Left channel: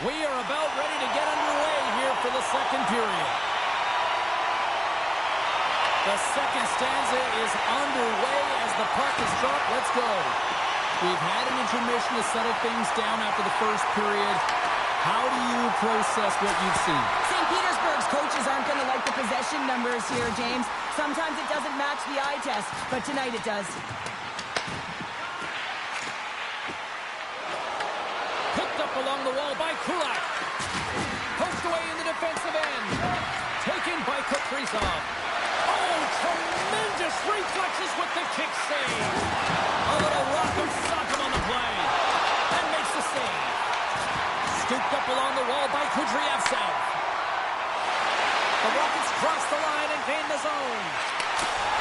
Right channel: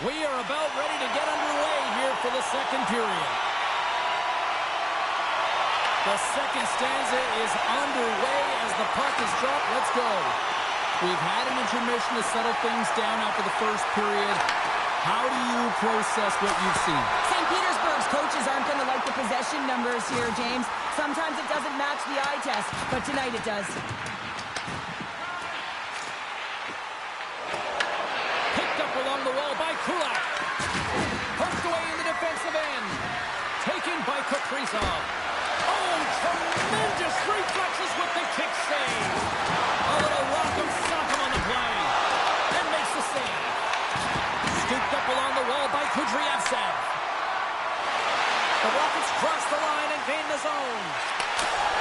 We are about ready to get underway here for the second period. The second stanza is underway as the puck is dropped. Let's go. We've had an intermission to settle things down after the first period. How do you process what you've seen? St. Petersburg's coaches aren't going to like the possession numbers here, James. Sometimes it doesn't match the eye test, but tonight it does. Picked up along the wall by Kulak. Poked away in the defensive end. Taken by Kaprizov. Oh, tremendous reflexes with the kick save. A little rock of Sock'em on the play. And makes the save. Scooped up along the wall by Kudryavtsev. The Rockets cross the line and gain the zone.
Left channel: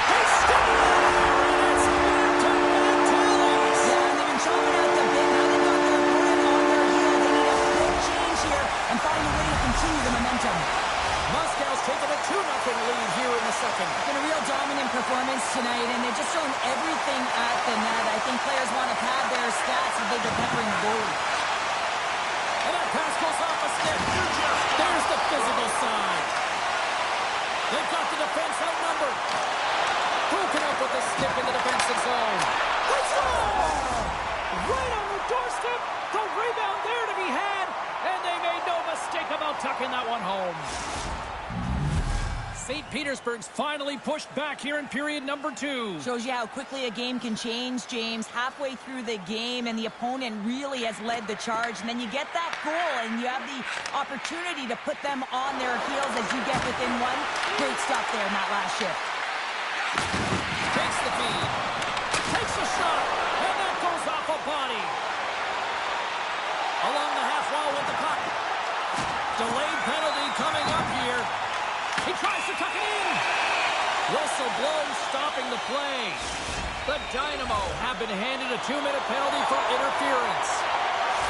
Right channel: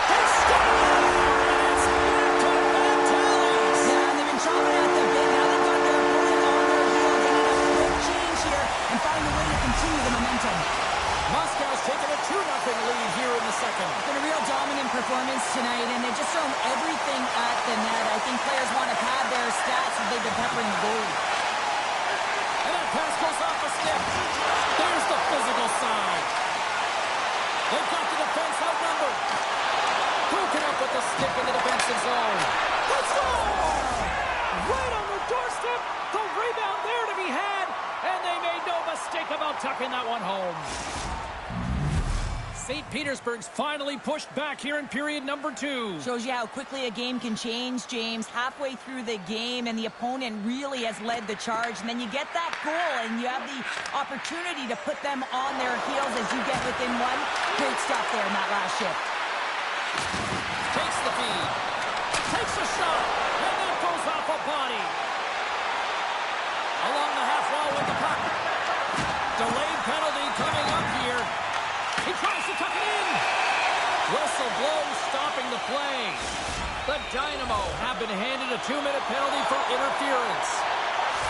They score! And it's back-to-back tallies. Yeah, and they've been chomping at the bit. Now they've got their opponent on their heels. They need a quick change here and find a way to continue the momentum. Moscow's taken a 2-0 lead here in the second. It's been a real dominant performance tonight, and they've just thrown everything at the net. I think players want to pad their stats as they've been peppering the goalie. And that pass goes off a stick. There's the physical side. They've got the defense outnumbered. Broken up with the stick in the defensive zone. Let's go! Right on the doorstep. The rebound there to be had. And they made no mistake about tucking that one home. St. Petersburg's finally pushed back here in period number 2. Shows you how quickly a game can change, James. Halfway through the game, and the opponent really has led the charge. And then you get that goal, and you have the opportunity to put them on their heels as you get within one. Great stuff there in that last shift. Takes the feed. Takes a shot. And that goes off a body. Along the half wall with the puck. Delayed penalty coming up here. He tries to tuck it in. Whistle blows, stopping the play. The Dynamo have been handed a 2-minute penalty for interference.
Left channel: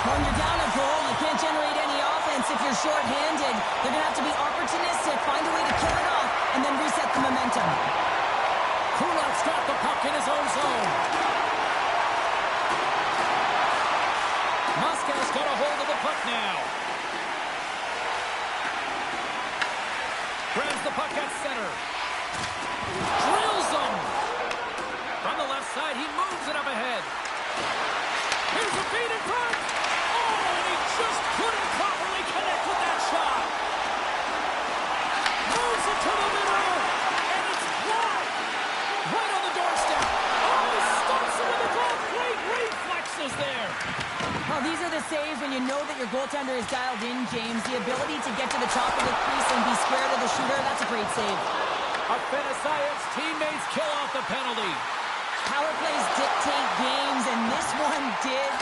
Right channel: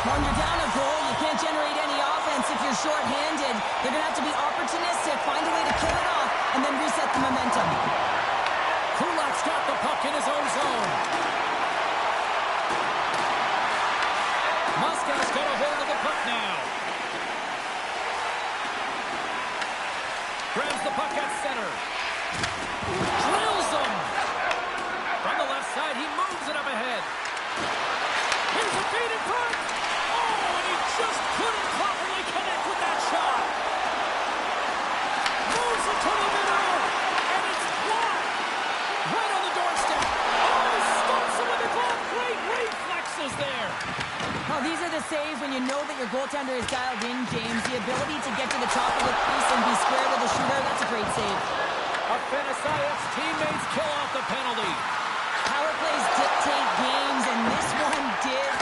When you're down a goal, you can't generate any offense if you're shorthanded. They're going to have to be opportunistic, find a way to kill it off, and then reset the momentum. Kulak's got the puck in his own zone. Moscow's got a hold of the puck now. Grabs the puck at center. Drills him. From the left side, he moves it up ahead. Here's a feed in front. Oh, and he just couldn't properly connect with that shot. Moves it to the middle, and it's blocked. Right on the doorstep. Oh, he stops it with a glove. Great reflexes there. Well, these are the saves when you know that your goaltender is dialed in, James. The ability to get to the top of the crease and be square to the shooter, that's a great save. Afenasayev's teammates kill off the penalty. Power plays dictate games, and this one did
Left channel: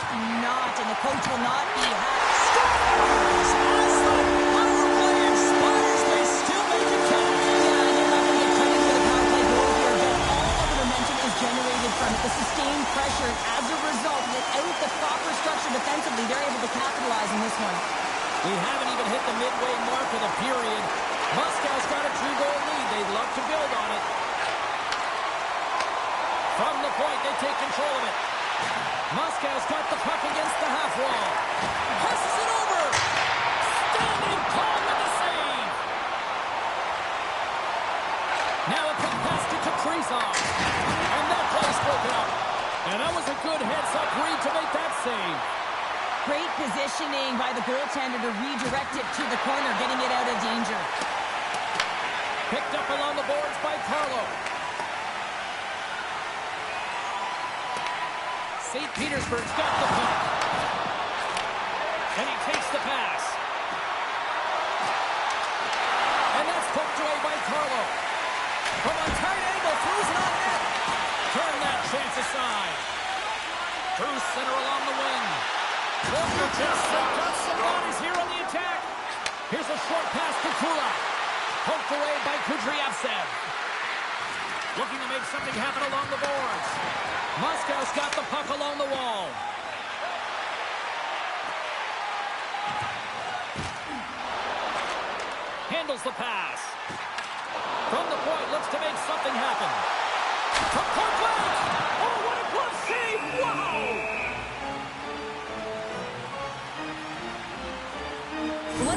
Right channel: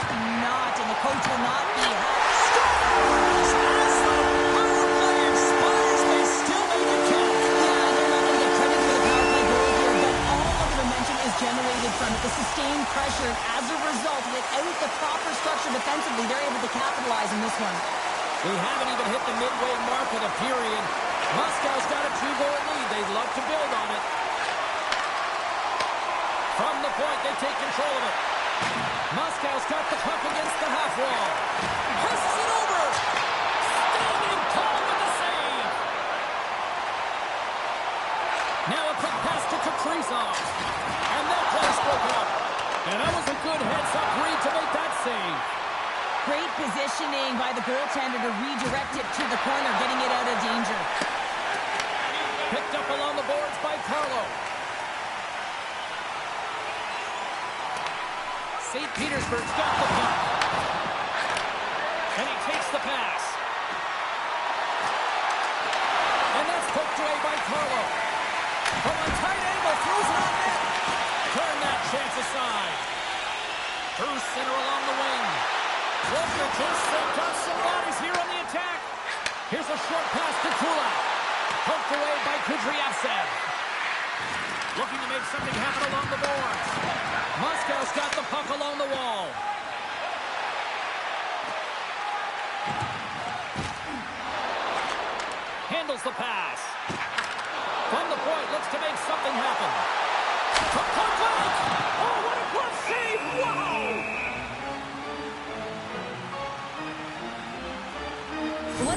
not, and the coach will not be happy. Scores! As the power play expires, they still make it count. Yeah, they're not going to get credit for the power play goal here, but all of the momentum is generated from it. The sustained pressure, and as a result, without the proper structure defensively, they're able to capitalize in this one. We haven't even hit the midway mark of the period. Moscow's got a 2-goal lead. They'd love to build on it. From the point, they take control of it. Moscow's got the puck against the half wall. Passes it over. Standing tall with the save. Now a quick pass to Kaprizov. And that play's broken up. And that was a good heads-up read to make that save. Great positioning by the goaltender to redirect it to the corner, getting it out of danger. Picked up along the boards by Carlo. St. Petersburg's got the puck. And he takes the pass. And that's poked away by Carlo. From a tight angle, throws it on net. Turn that chance aside. Through center along the wing. Look, just got some bodies here on the attack. Here's a short pass to Kulak. Poked away by Kudryavtsev. Looking to make something happen along the boards. Moscow's got the puck along the wall. Handles the pass. From the point, looks to make something happen. From point blank. Oh, what a glove save. Wow.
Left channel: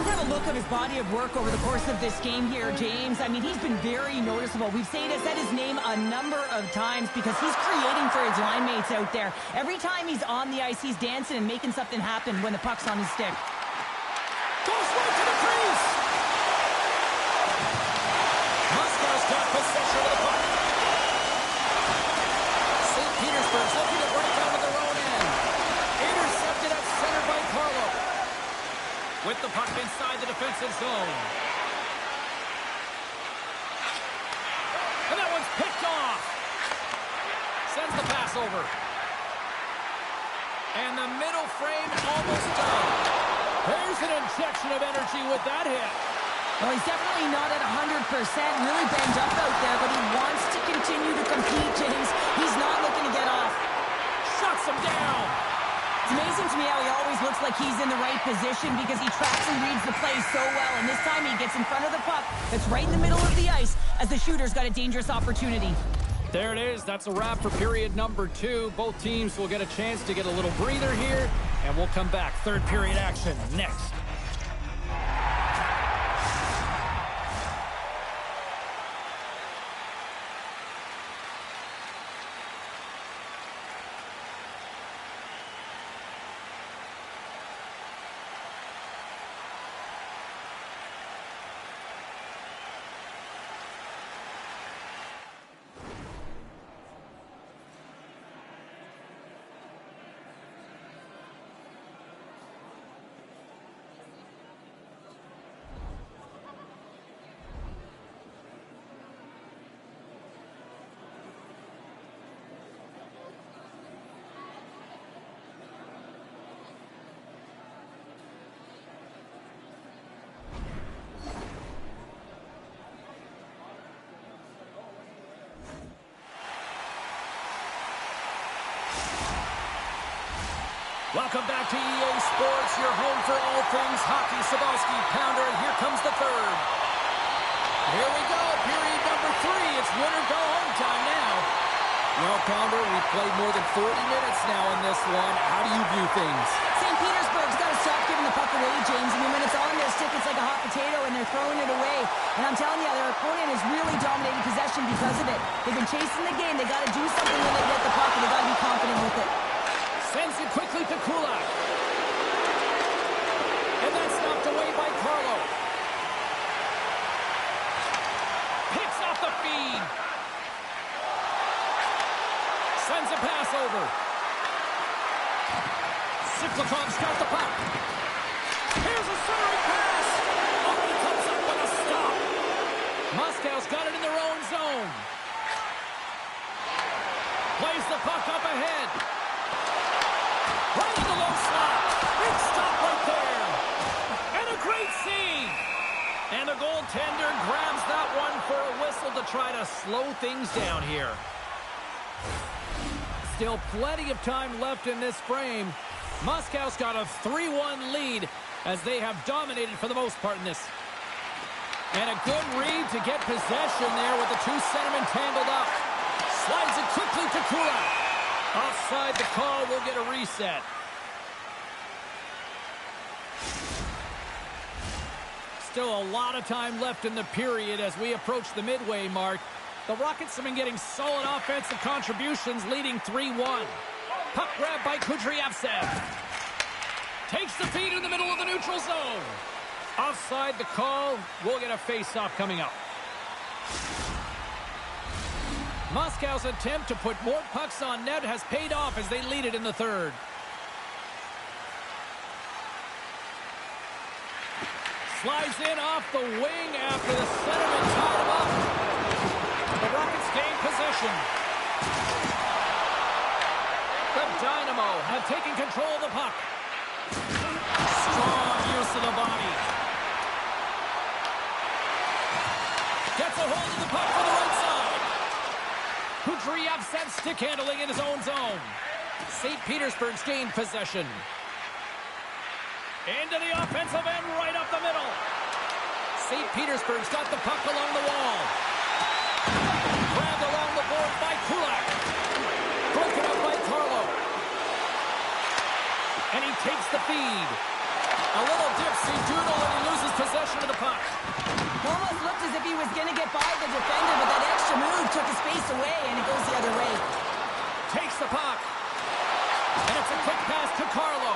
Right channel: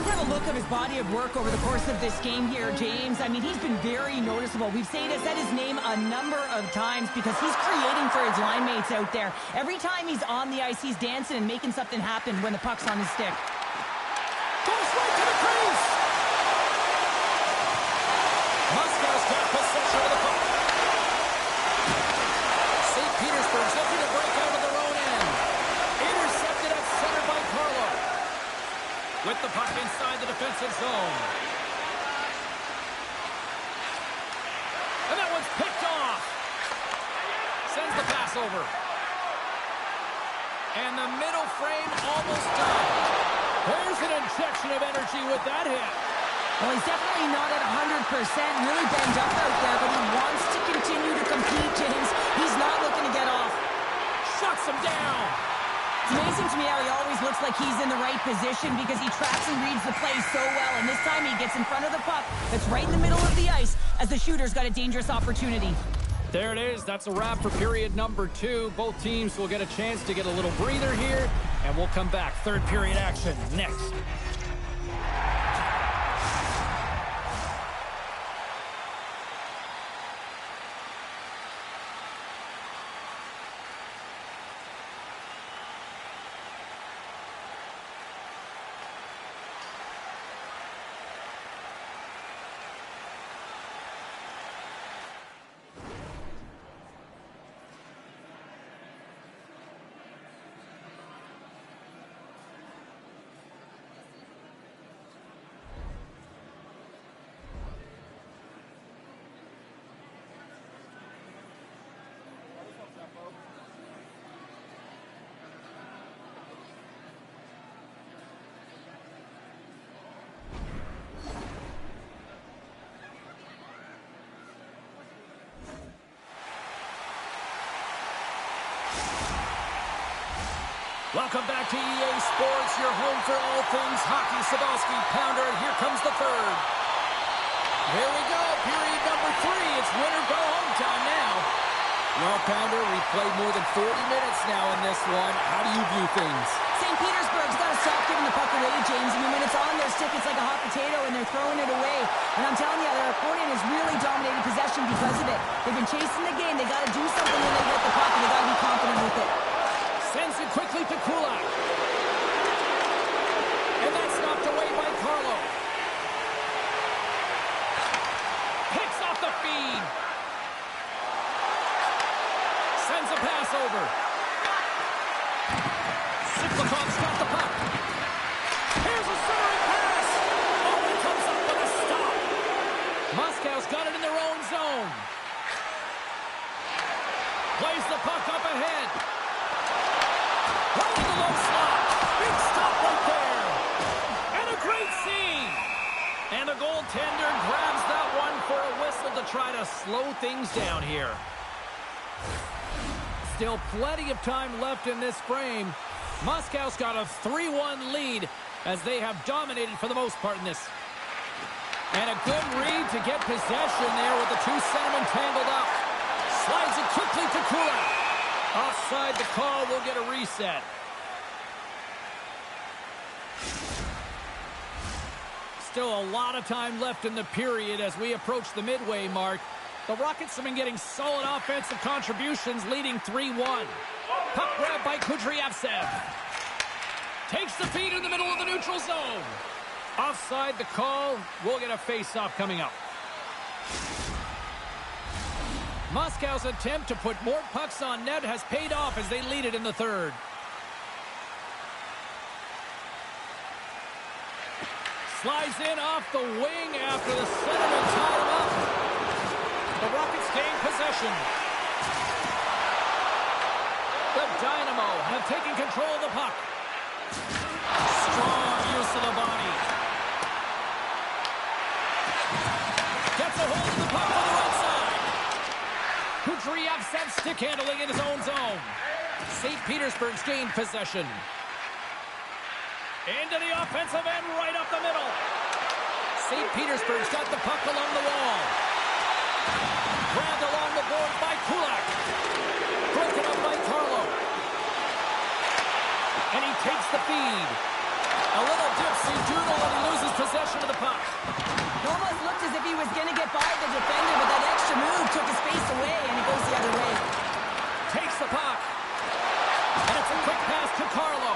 Let's have a look at his body of work over the course of this game here, James. I mean, he's been very noticeable. We've said his name a number of times because he's creating for his line mates out there. Every time he's on the ice, he's dancing and making something happen when the puck's on his stick. Goes right to the crease. Moscow's got possession of the puck. St. Petersburg's looking to break out of their own end. Intercepted at center by Carlo. With the puck inside the defensive zone. And that one's picked off. Sends the pass over. And the middle frame almost done. There's an injection of energy with that hit. Well, he's definitely not at 100%, really banged up out there, but he wants to continue to compete, James. He's not looking to get off. Shuts him down. It's amazing to me how he always looks like he's in the right position because he tracks and reads the play so well. And this time he gets in front of the puck that's right in the middle of the ice as the shooter's got a dangerous opportunity. There it is. That's a wrap for period number 2. Both teams will get a chance to get a little breather here, and we'll come back. Third period action next. Welcome back to EA Sports, your home for all things hockey. Sabalski, Pounder, and here comes the third. Here we go, period number 3. It's win or go home time now. Well, Pounder, we've played more than 40 minutes now in this one. How do you view things? St. Petersburg's got to stop giving the puck away, James. I mean, when it's on their stick, it's like a hot potato, and they're throwing it away. And I'm telling you, their opponent has really dominated possession because of it. They've been chasing the game. They got to do something when they get the puck, and they got to be confident with it. Sends it quickly to Kulak. And that's knocked away by Carlo. Picks off the feed. Sends a pass over. Siplikov's got the puck. Here's a centering pass. Oh, he comes up with a stop. Moscow's got it in their own zone. Plays the puck up ahead. Right in the low slot. Big stop right there. And a great save. And the goaltender grabs that one for a whistle to try to slow things down here. Still plenty of time left in this frame. Moscow's got a 3-1 lead as they have dominated for the most part in this. And a good read to get possession there with the two centermen tangled up. Slides it quickly to Kulak. Offside the call, will get a reset. Still a lot of time left in the period as we approach the midway mark. The Rockets have been getting solid offensive contributions, leading 3-1. Puck grab by Kudryavtsev. Takes the feed in the middle of the neutral zone. Offside the call, we'll get a face-off coming up. Moscow's attempt to put more pucks on net has paid off as they lead it in the third. Slides in off the wing after the centerman tied him up. The Rockets gain possession. The Dynamo have taken control of the puck. Strong use of the body. Gets a hold of the puck for the right side. Kudryavtsev stick handling in his own zone. St. Petersburg's gained possession. Into the offensive end, right up the middle. St. Petersburg's got the puck along the wall. Grabbed along the board by Kulak. Broken up by Carlo. And he takes the feed. A little dipsy doodle and he loses possession of the puck. It almost looked as if he was going to get by the defender, but that extra move took his space away, and it goes the other way. Takes the puck. And it's a quick pass to Carlo.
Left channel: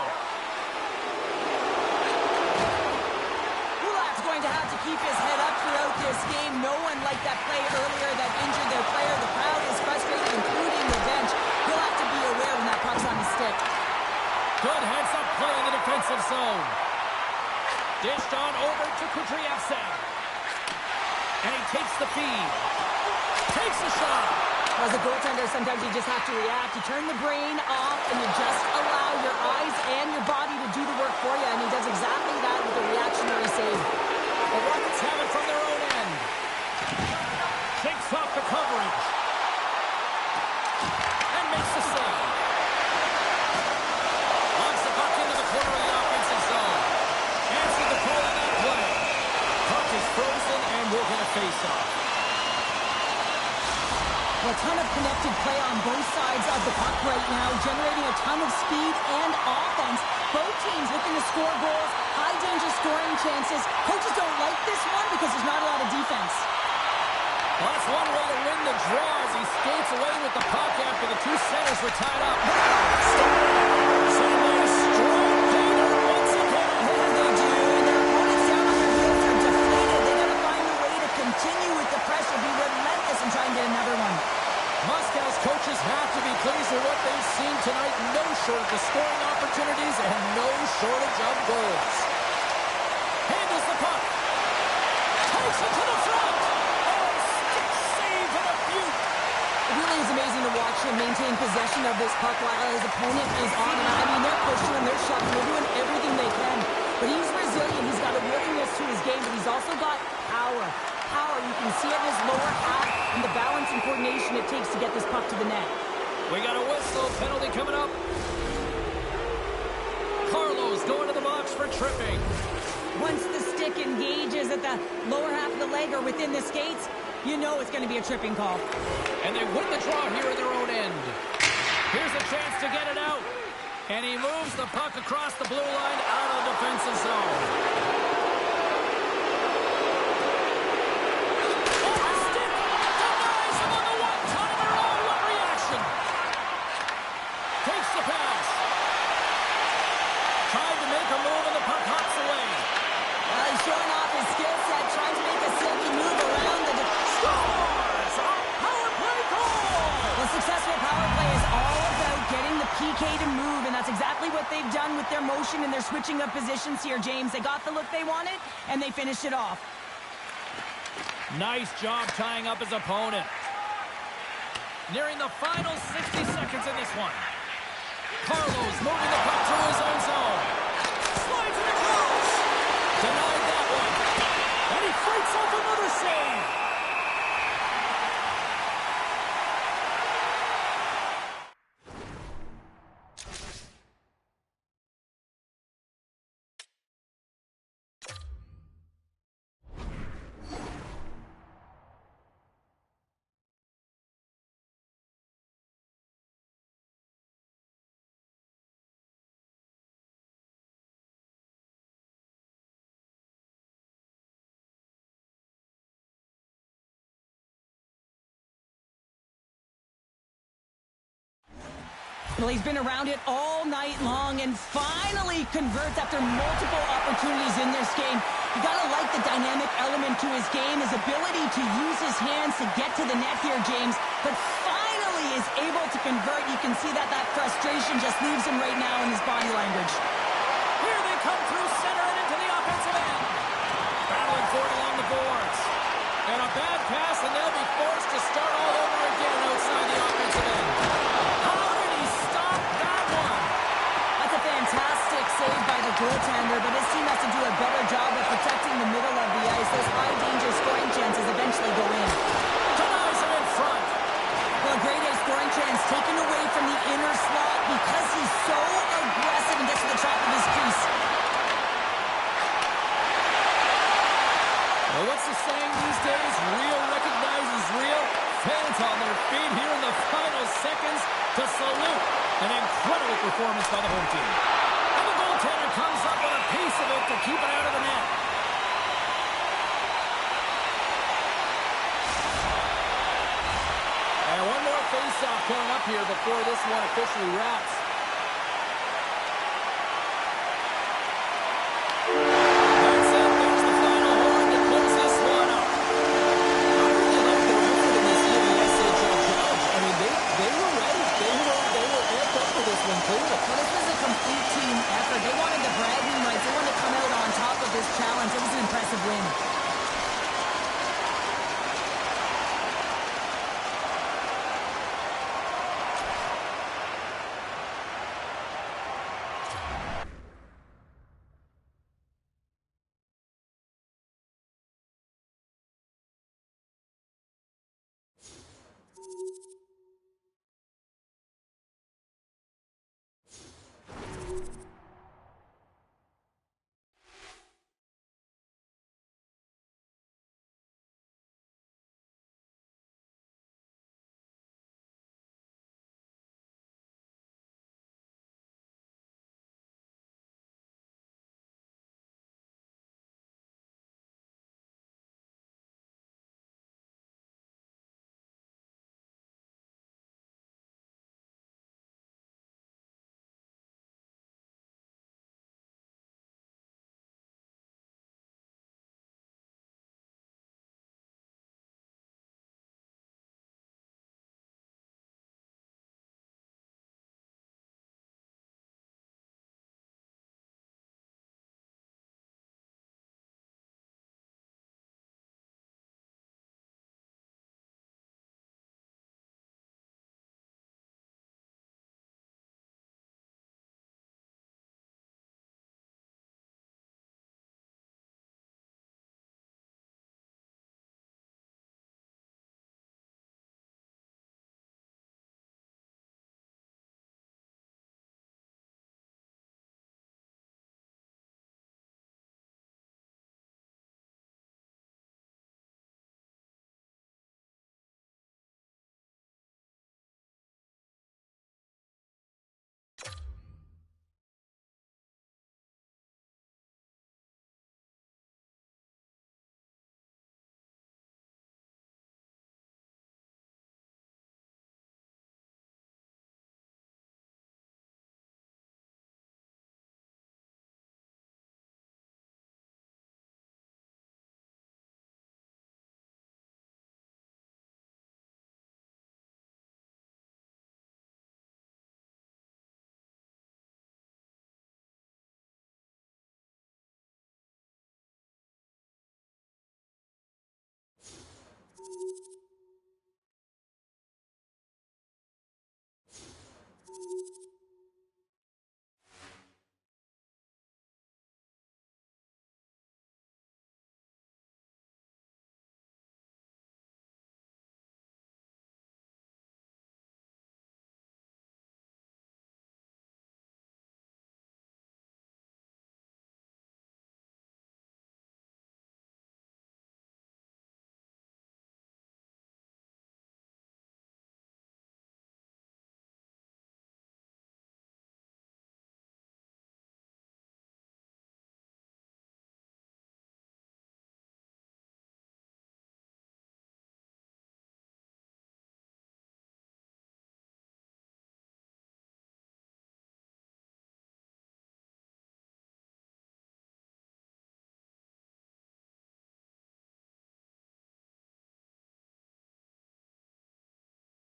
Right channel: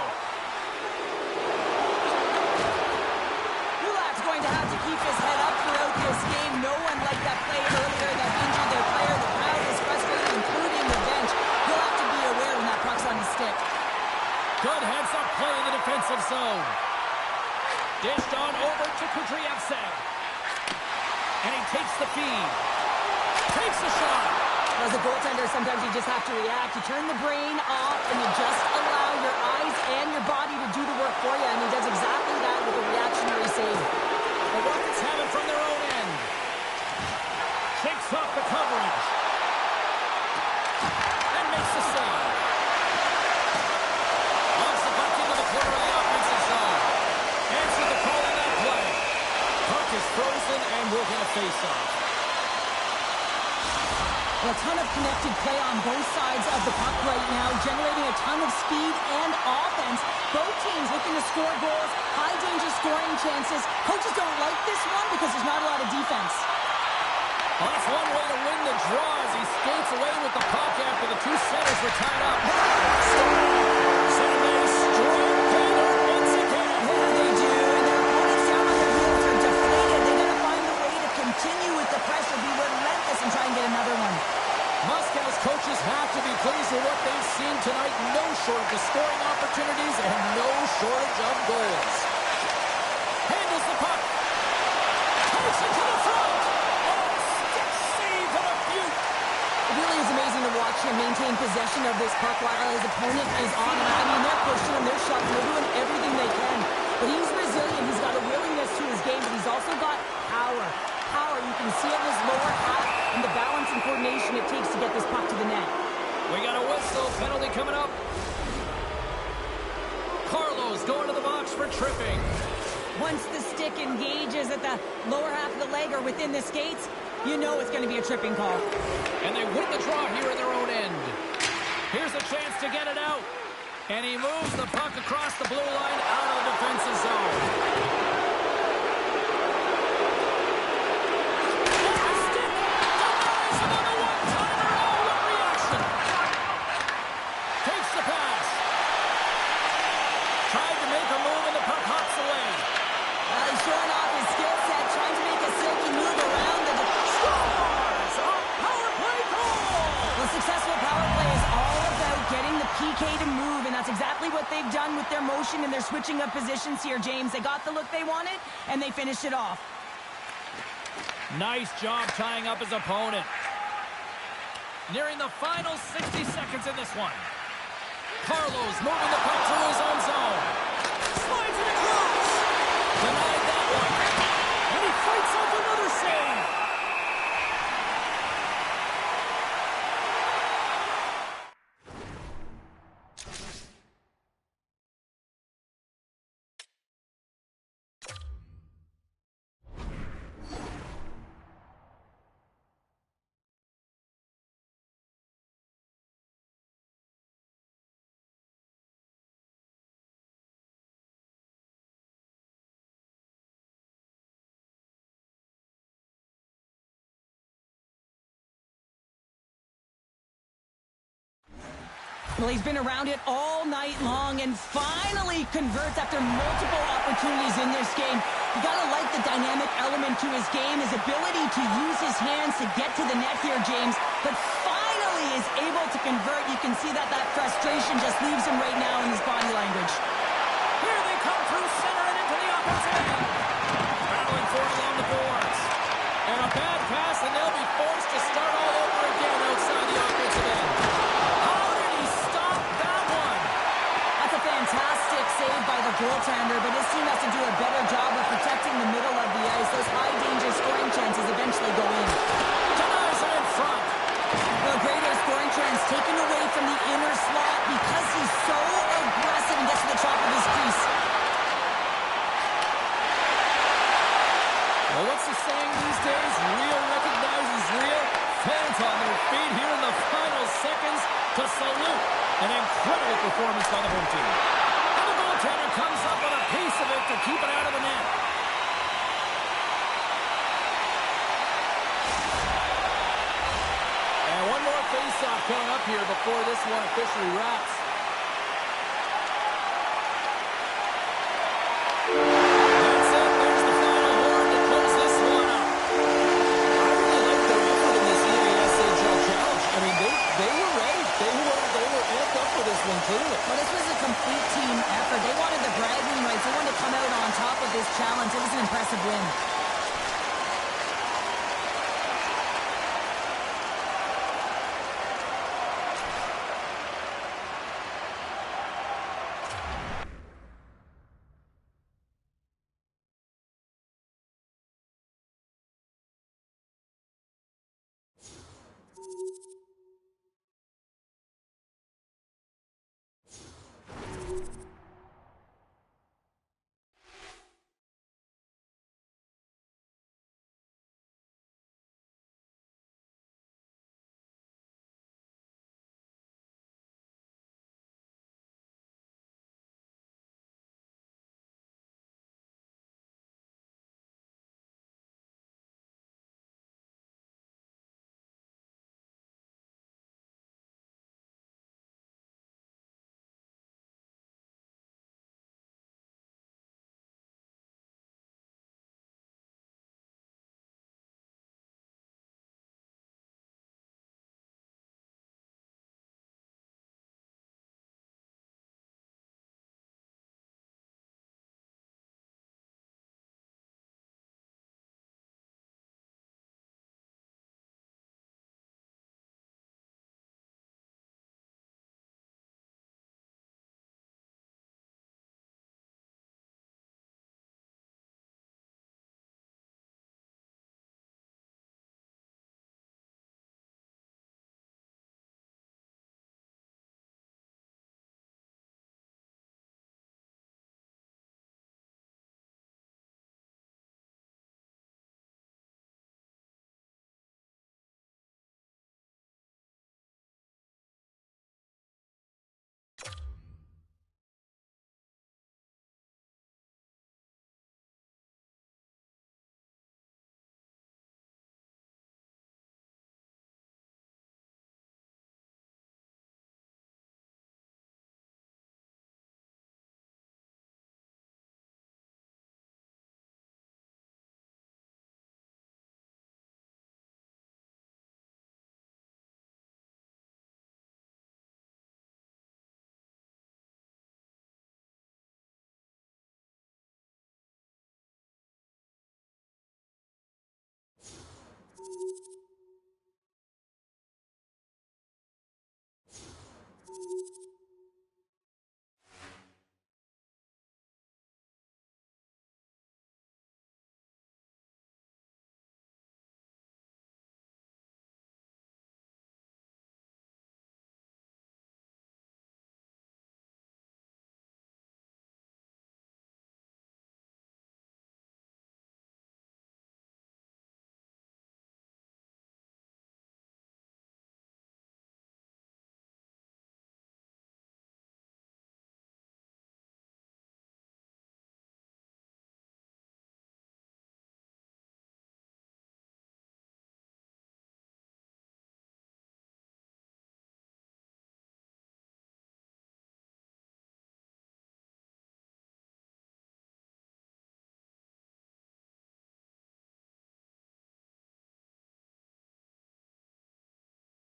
Kulak's going to have to keep his head up throughout this game. No one like that play earlier that injured their player. The crowd is frustrated, including the bench. He'll have to be aware when that puck's on his stick. Good heads-up play in the defensive zone. Dished on over to Kudryavtsev. And he takes the feed. Takes a shot. As a goaltender, sometimes you just have to react. You turn the brain off and you just allow your eyes and your body to do the work for you. And he does exactly that with a reactionary save. The Rockets have it from their own end. Shakes off the coverage. And makes the save. Launches the puck into the corner of the offensive zone. Answered the call on that play. Puck is frozen and we'll get a face-off. A ton of connected play on both sides of the puck right now, generating a ton of speed and offense. Both teams looking to score goals, high-danger scoring chances. Coaches don't like this one because there's not a lot of defense. Well, that's one way to win the draw as he skates away with the puck after the two centers were tied up. So they strike pay dirt once again. Yeah, they do, and their opponents down on their heels are deflated. They got to find a way to continue with the pressure, be relentless, and try and get another one. Moscow's coaches have to be pleased with what they've seen tonight. No shortage of scoring opportunities and no shortage of goals. Handles the puck. Takes it to the front. Oh, stick save and a beaut. It really is amazing to watch him maintain possession of this puck while his opponent is on him. I mean, they're pushing him, they're shoving, they're doing everything they can. But he's resilient. He's got a willingness to his game, but he's also got power. You can see it in his lower half and the balance and coordination it takes to get this puck to the net. We got a whistle. Penalty coming up. Carlo's going to the box for tripping. Once the stick engages at the lower half of the leg or within the skates, you know it's going to be a tripping call. And they win the draw here in their own end. Here's a chance to get it out. And he moves the puck across the blue line out of the defensive zone. Showing off his skill set, trying to make a silky move around the scores! A power play goal! Well, successful power play is all about getting the PK to move, and that's exactly what they've done with their motion and their switching of positions here, James. They got the look they wanted, and they finished it off. Nice job tying up his opponent. Nearing the final 60 seconds in this one. Carlo's moving the puck through his own zone. Slides it across. Denied that one. And he fights off another save. Well, he's been around it all night long and finally converts after multiple opportunities in this game. You gotta like the dynamic element to his game, his ability to use his hands to get to the net here, James. But finally is able to convert. You can see that frustration just leaves him right now in his body language. Here they come through center and into the offensive end. Battling for it along the boards. And a bad pass, and they'll be forced to start all over again outside the offensive end. How did he stop that one? That's a fantastic save by the goaltender, but his team has to do a better job of protecting the middle of the ice. Those high-danger scoring chances eventually go in. Denies him in front. Well, a great A scoring chance taken away from the inner slot because he's so aggressive and gets to the top of his crease. Well, what's the saying these days? Real recognizes real. Fans on their feet here in the final seconds to salute an incredible performance by the home team. And the goaltender goaltender comes up with a piece of it to keep it out of the net. And one more face-off coming up here before this one officially wraps. That's it. There's the final horn to close this one up. I really like their effort in this EASHL challenge. I mean, they were ready. They were amped up for this one, clearly. Well, this was a complete team effort. They wanted the bragging rights. They wanted to come out on top of this challenge. It was an impressive win.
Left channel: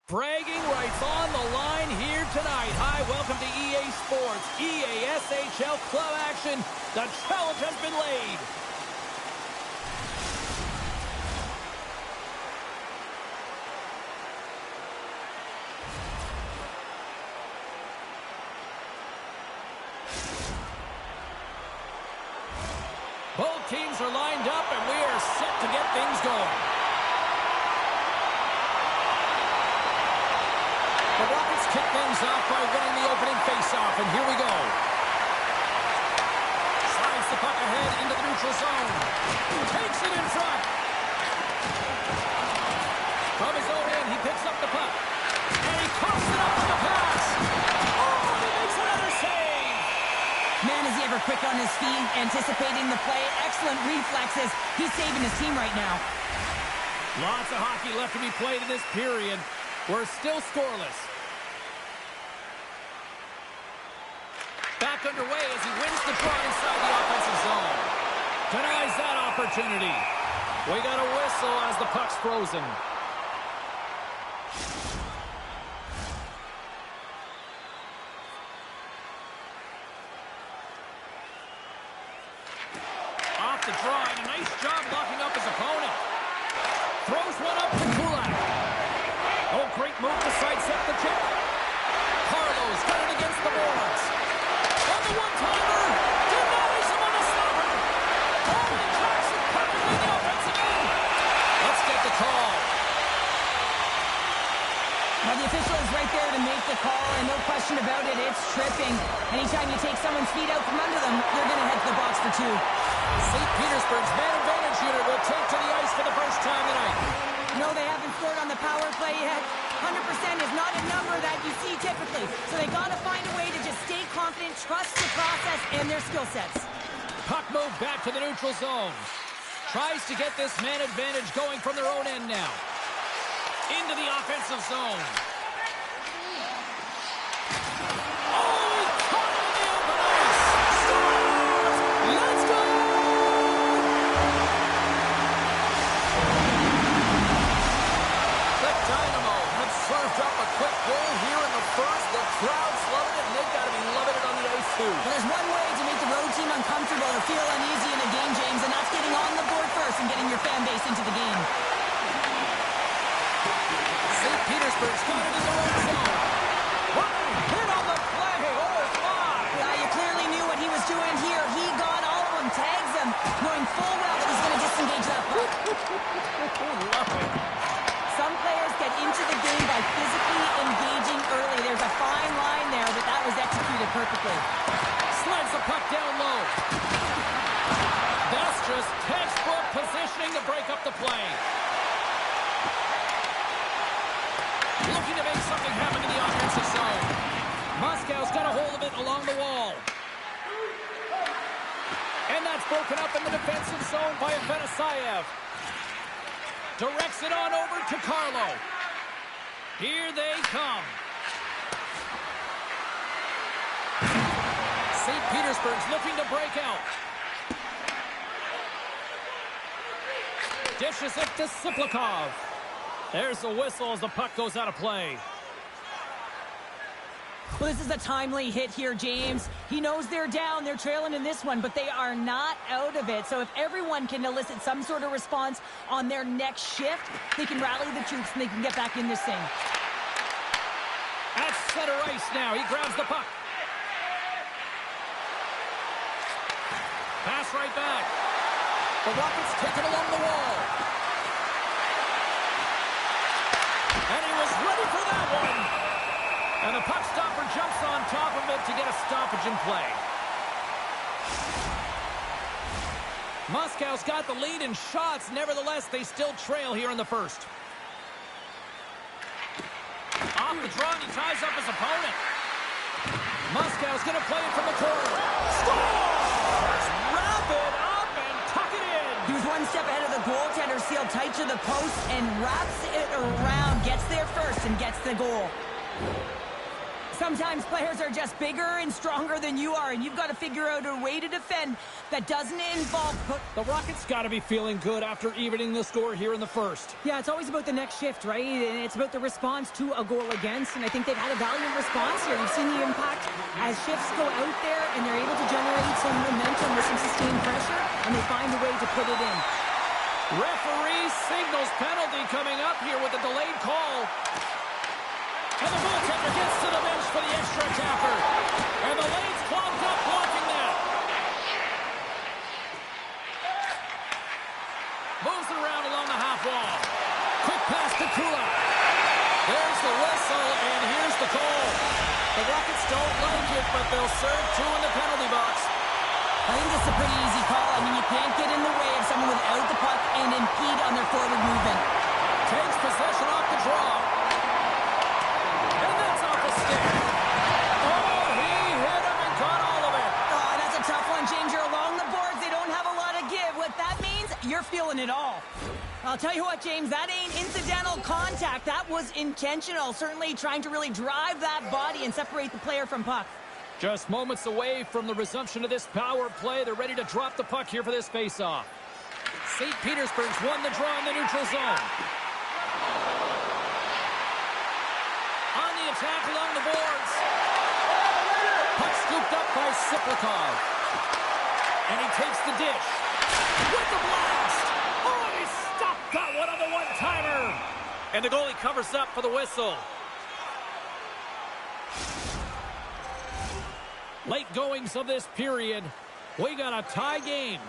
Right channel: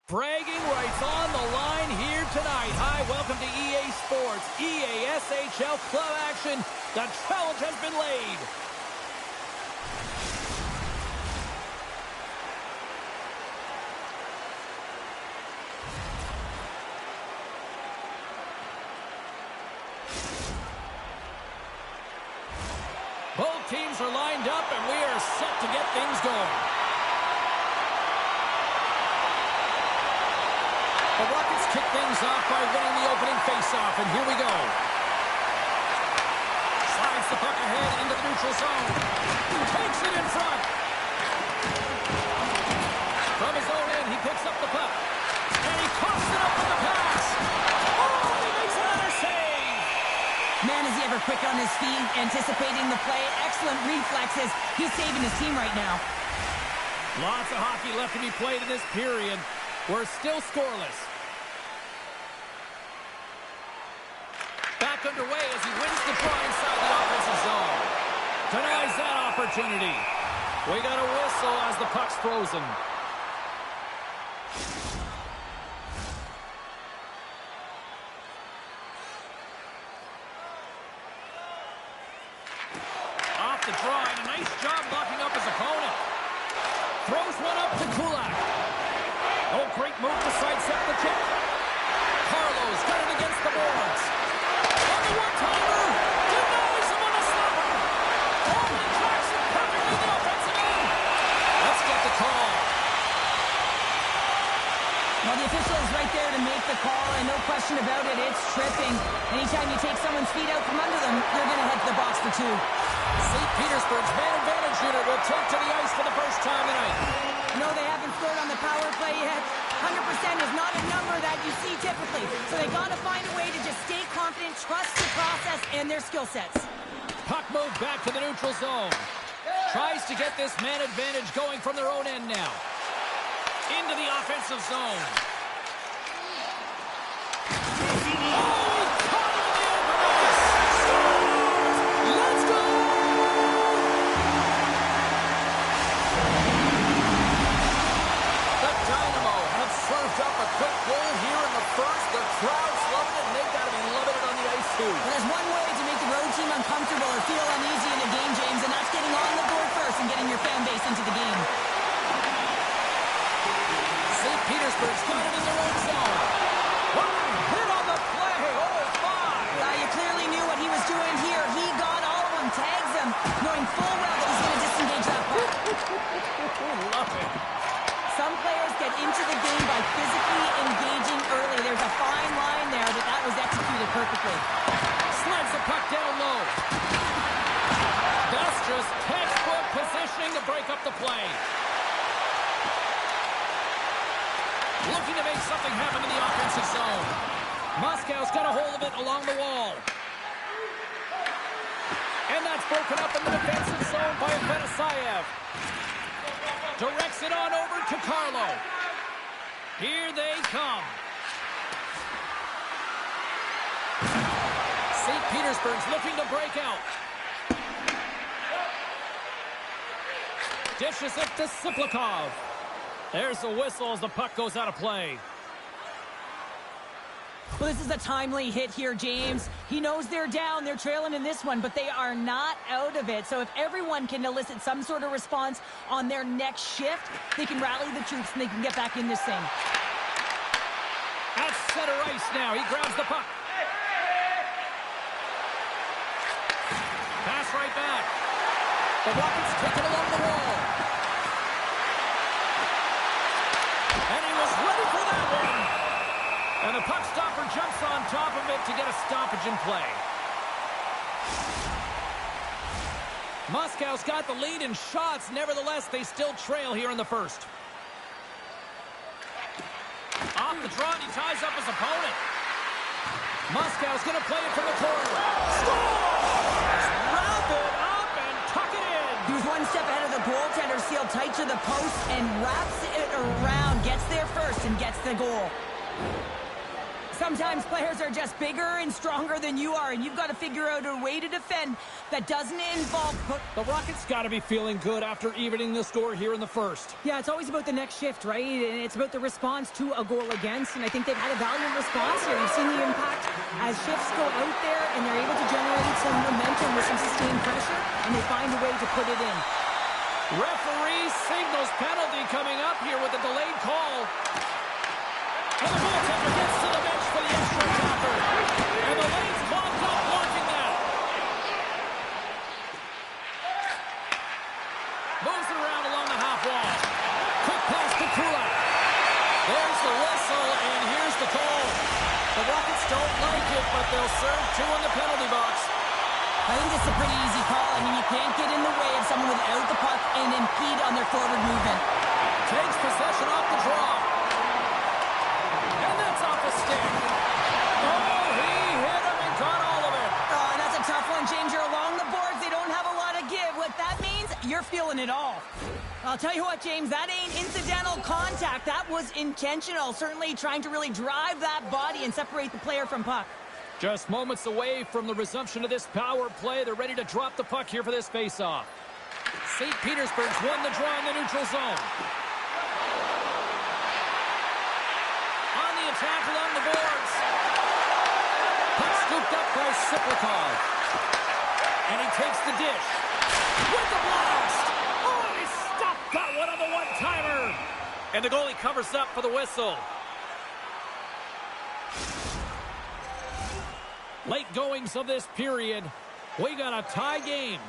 Bragging rights on the line here tonight. Hi, welcome to EA Sports, EASHL club action. The challenge has been laid. Both teams are lined up, and we are set to get things going. The Rockets kick things off by winning the opening faceoff, and here we go. Slides the puck ahead into the neutral zone. Takes it in front. From his own end, he picks up the puck. And he coughs it up with the pass. Oh, and he makes another save. Man, is he ever quick on his feet, anticipating the play. Excellent reflexes. He's saving his team right now. Lots of hockey left to be played in this period. We're still scoreless. Back underway as he wins the draw inside the offensive zone. Denies that opportunity. We got a whistle as the puck's frozen. Off the draw, and a nice job locking up his opponent. Throws one up to Kulak. Oh, great move to sidestep the kick. Carlo's got it against the boards. On the one-timer, denies him on the stopper. Oh, and he tracks it perfectly in the offensive end. Let's get the call. Well, the official is right there to make the call, and no question about it, it's tripping. Anytime you take someone's feet out from under them, they're going to head to the box for two. St. Petersburg's man advantage unit will take to the ice for the first time tonight. No, they haven't scored on the power play yet. 100% is not a number that you see typically. So they got to find a way to just stay confident, trust the process and their skill sets. Puck moved back to the neutral zone. Tries to get this man advantage going from their own end now. Into the offensive zone. Oh, he caught it in the open ice. Scores! Let's go! The Dynamo have served up a quick goal here in the first. The crowd's loving it, and they've got to be loving it on the ice, too. Well, there's one way to make the road team uncomfortable or feel uneasy in a game, James, and that's getting on the board first and getting your fan base into the game. St. Petersburg's got it in their own zone. What a hit on the play! Oh, my! Yeah, you clearly knew what he was doing here. He got all of them, tags them, knowing full well that he's going to disengage that puck. Love it. Some players get into the game by physically engaging early. There's a fine line there, but that was executed perfectly. Slides the puck down low. That's just textbook positioning to break up the play. Looking to make something happen in the offensive zone. Moscow's got a hold of it along the wall. And that's broken up in the defensive zone by Afanasayev. Directs it on over to Carlo. Here they come. St. Petersburg's looking to break out. Dishes it to Siplikov. There's the whistle as the puck goes out of play. Well, this is a timely hit here, James. He knows they're down. They're trailing in this one, but they are not out of it. So if everyone can elicit some sort of response on their next shift, they can rally the troops and they can get back in this thing. At center ice now. He grabs the puck. Pass right back. The Rockets take it along the wall. And he was ready for that one. And the puck stopper jumps on top of it to get a stoppage in play. Moscow's got the lead in shots. Nevertheless, they still trail here in the first. Off the draw, and he ties up his opponent. Moscow's going to play it from the corner. Scores! Wrap it up and tuck it in. He was one step ahead of the goaltender, sealed tight to the post, and wraps it around, gets there first, and gets the goal. Sometimes players are just bigger and stronger than you are, and you've got to figure out a way to defend that doesn't involve... The Rockets got to be feeling good after evening the score here in the first. Yeah, it's always about the next shift, right? And it's about the response to a goal against, and I think they've had a valiant response here. You've seen the impact as shifts go out there, and they're able to generate some momentum with some sustained pressure, and they find a way to put it in. Referee signals penalty coming up here with a delayed call. And the goaltender gets to the bench for the extra attacker. And the lane's clogged up blocking that. Moves it around along the half wall. Quick pass to Kulak. There's the whistle, and here's the call. The Rockets don't like it, but they'll serve two in the penalty box. I think it's a pretty easy call. I mean, you can't get in the way of someone without the puck and impede on their forward movement. Takes possession off the draw. And that's off a stick. Oh, he hit him and got all of it. Oh, you're feeling it all. I'll tell you what, James, that ain't incidental contact. That was intentional, certainly trying to really drive that body and separate the player from puck. Just moments away from the resumption of this power play. They're ready to drop the puck here for this faceoff. St. Petersburg's won the draw in the neutral zone. On the attack along the boards. Puck scooped up by Siplikov. And he takes the dish. With the blast! Oh, he stopped that one on the one-timer! And the goalie covers up for the whistle. Late goings of this period. We got a tie game.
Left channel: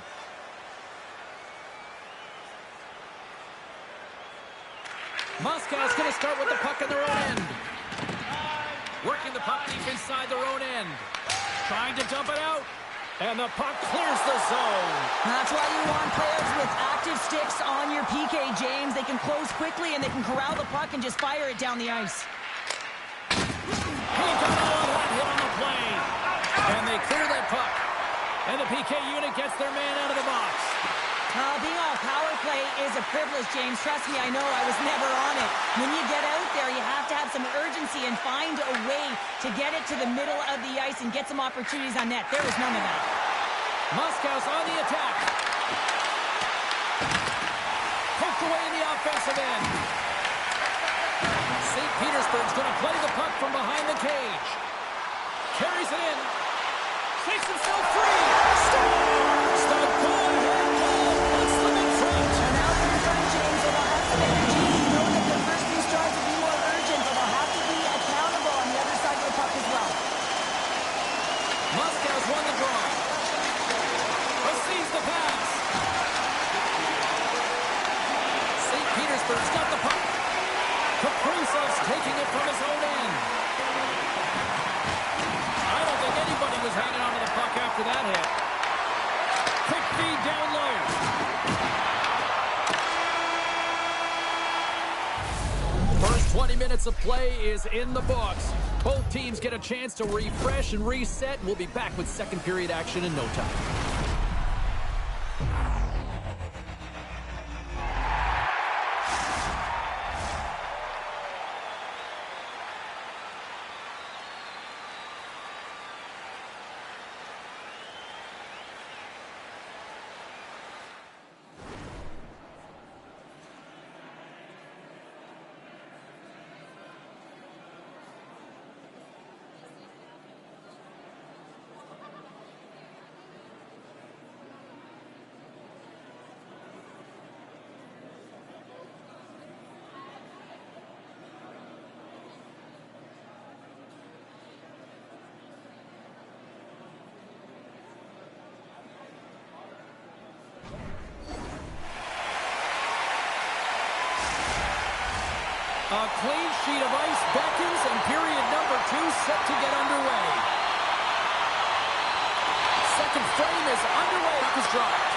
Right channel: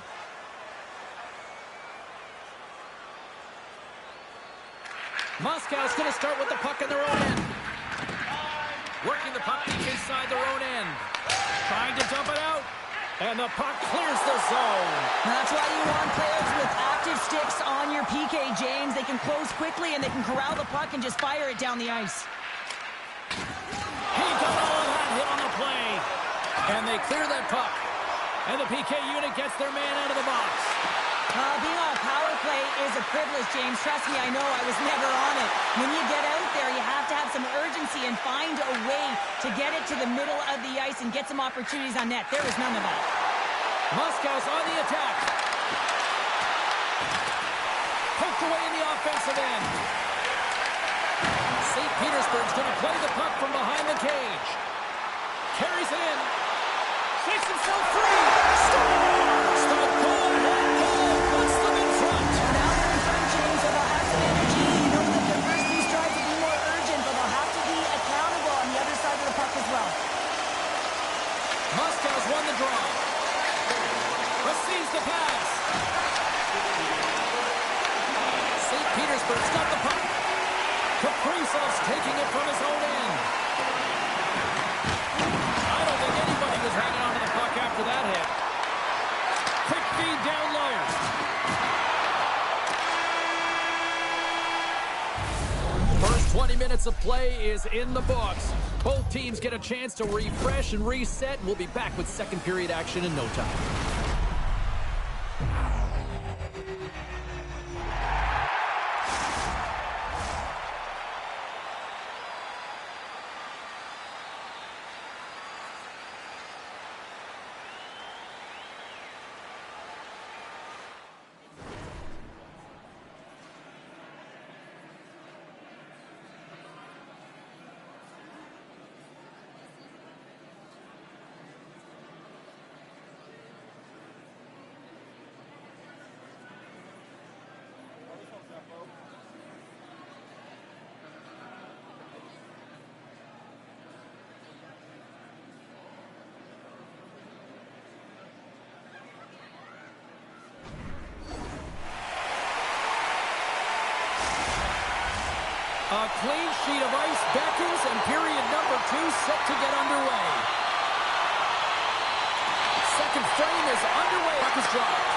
Moscow's going to start with the puck in their own end. Working the puck deep inside their own end. Trying to dump it out. And the puck clears the zone. That's why you want players with active sticks on your PK, James. They can close quickly and they can corral the puck and just fire it down the ice. He got all of that hit on the play. And they clear that puck. And the PK unit gets their man out of the box. Being on power play is a privilege, James. Trust me, I know. I was never on it. When you get out there, you have to have some urgency and find a way to get it to the middle of the ice and get some opportunities on net. There was none of that. Moscow's on the attack. Poked away in the offensive end. St. Petersburg's going to play the puck from behind the cage. Carries it in. Shakes himself free. Scores! The go-ahead goal puts them in front. And now they're in front, James, so they'll have some energy. You know that their first few strides will be more urgent, but they'll have to be accountable on the other side of the puck as well. Moscow's won the draw. Receives the pass. St. Petersburg's got the puck. Kaprizov's taking it from his own end. I don't think anybody was hanging on to the puck after that hit. Quick feed down low. First 20 minutes of play is in the books. Both teams get a chance to refresh and reset. We'll be back with second period action in no time. A clean sheet of ice beckons, and period number 2 set to get underway. Second frame is underway. Puck is dropped.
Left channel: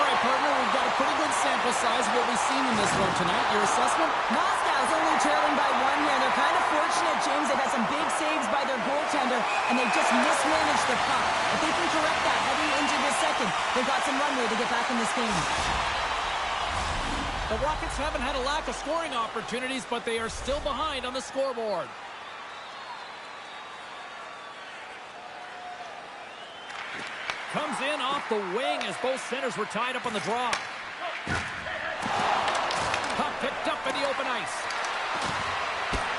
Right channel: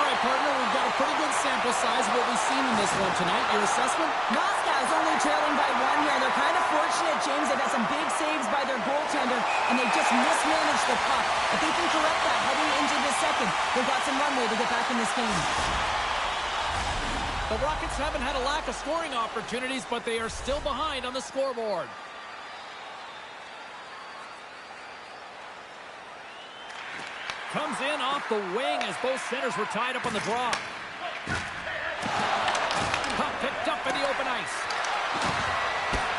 All right, partner, we've got a pretty good sample size of what we've seen in this one tonight. Your assessment? Moscow's only trailing by 1 here. They're kind of fortunate, James. They've had some big saves by their goaltender, and they just mismanaged the puck. If they can correct that heading into the second, they've got some runway to get back in this game. The Rockets haven't had a lack of scoring opportunities, but they are still behind on the scoreboard. Comes in off the wing as both centers were tied up on the draw. Puck picked up in the open ice.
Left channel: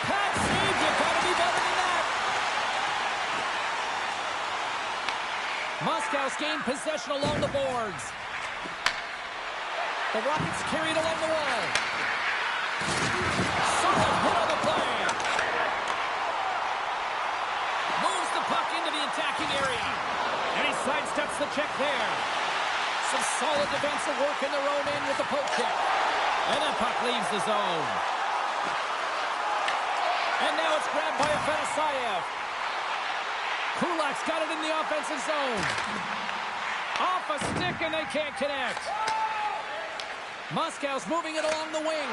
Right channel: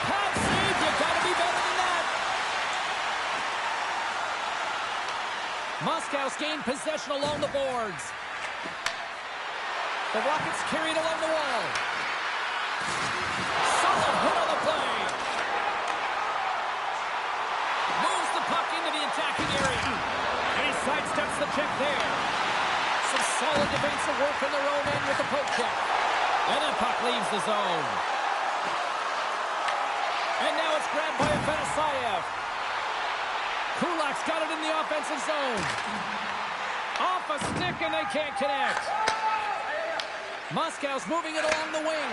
Pad save, you gotta be better than that. Moscow's gained possession along the boards. The Rockets carried along the wall. Solid hit on the play. Moves the puck into the attacking area. And he sidesteps the check there. Some solid defensive work in their own end with the poke check. And that puck leaves the zone. And now it's grabbed by Afanasayev. Kulak's got it in the offensive zone. Off a stick and they can't connect. Moscow's moving it along the wing.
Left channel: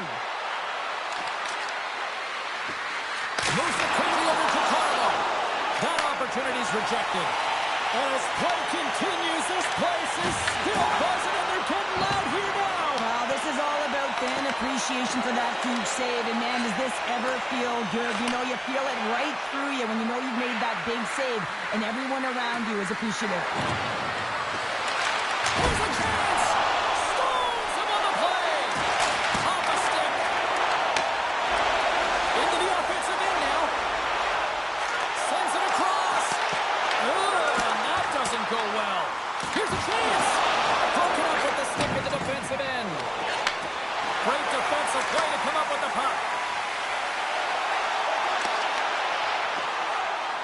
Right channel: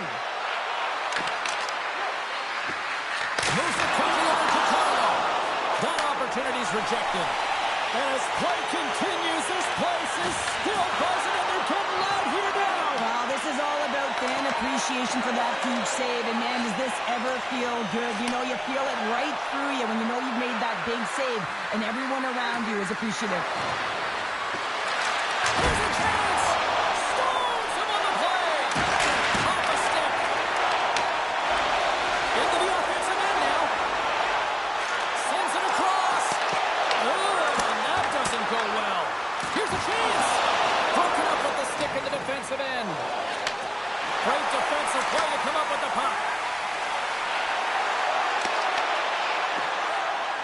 Moves it quickly over to Carlo. That opportunity's rejected. And as play continues, this place is still buzzing and they're getting loud here now. Well, this is all about fan appreciation for that huge save. And, man, does this ever feel good? You know, you feel it right through you when you know you've made that big save, and everyone around you is appreciative. Here's a chance. Stones him on the play. Off a stick. Into the offensive end now. Sends it across. And that doesn't go well. Here's a chance. Broken up with the stick at the defensive end. Great defensive play to come up with the puck.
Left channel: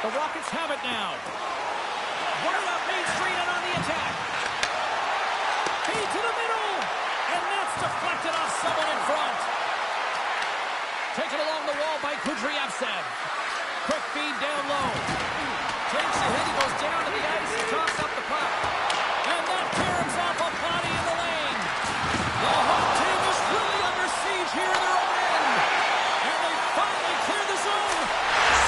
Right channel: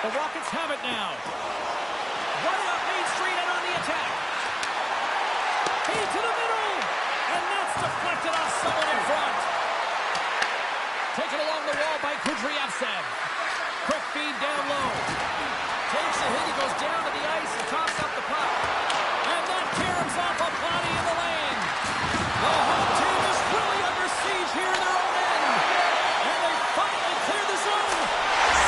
The Rockets have it now. Right up Main Street and on the attack. Feed to the middle. And that's deflected off someone in front. Taken along the wall by Kudryavtsev. Quick feed down low. Takes a hit. He goes down to the ice and tops up the puck. And that caroms off a body in the lane. The home team is really under siege here in their own end. And they finally clear the zone.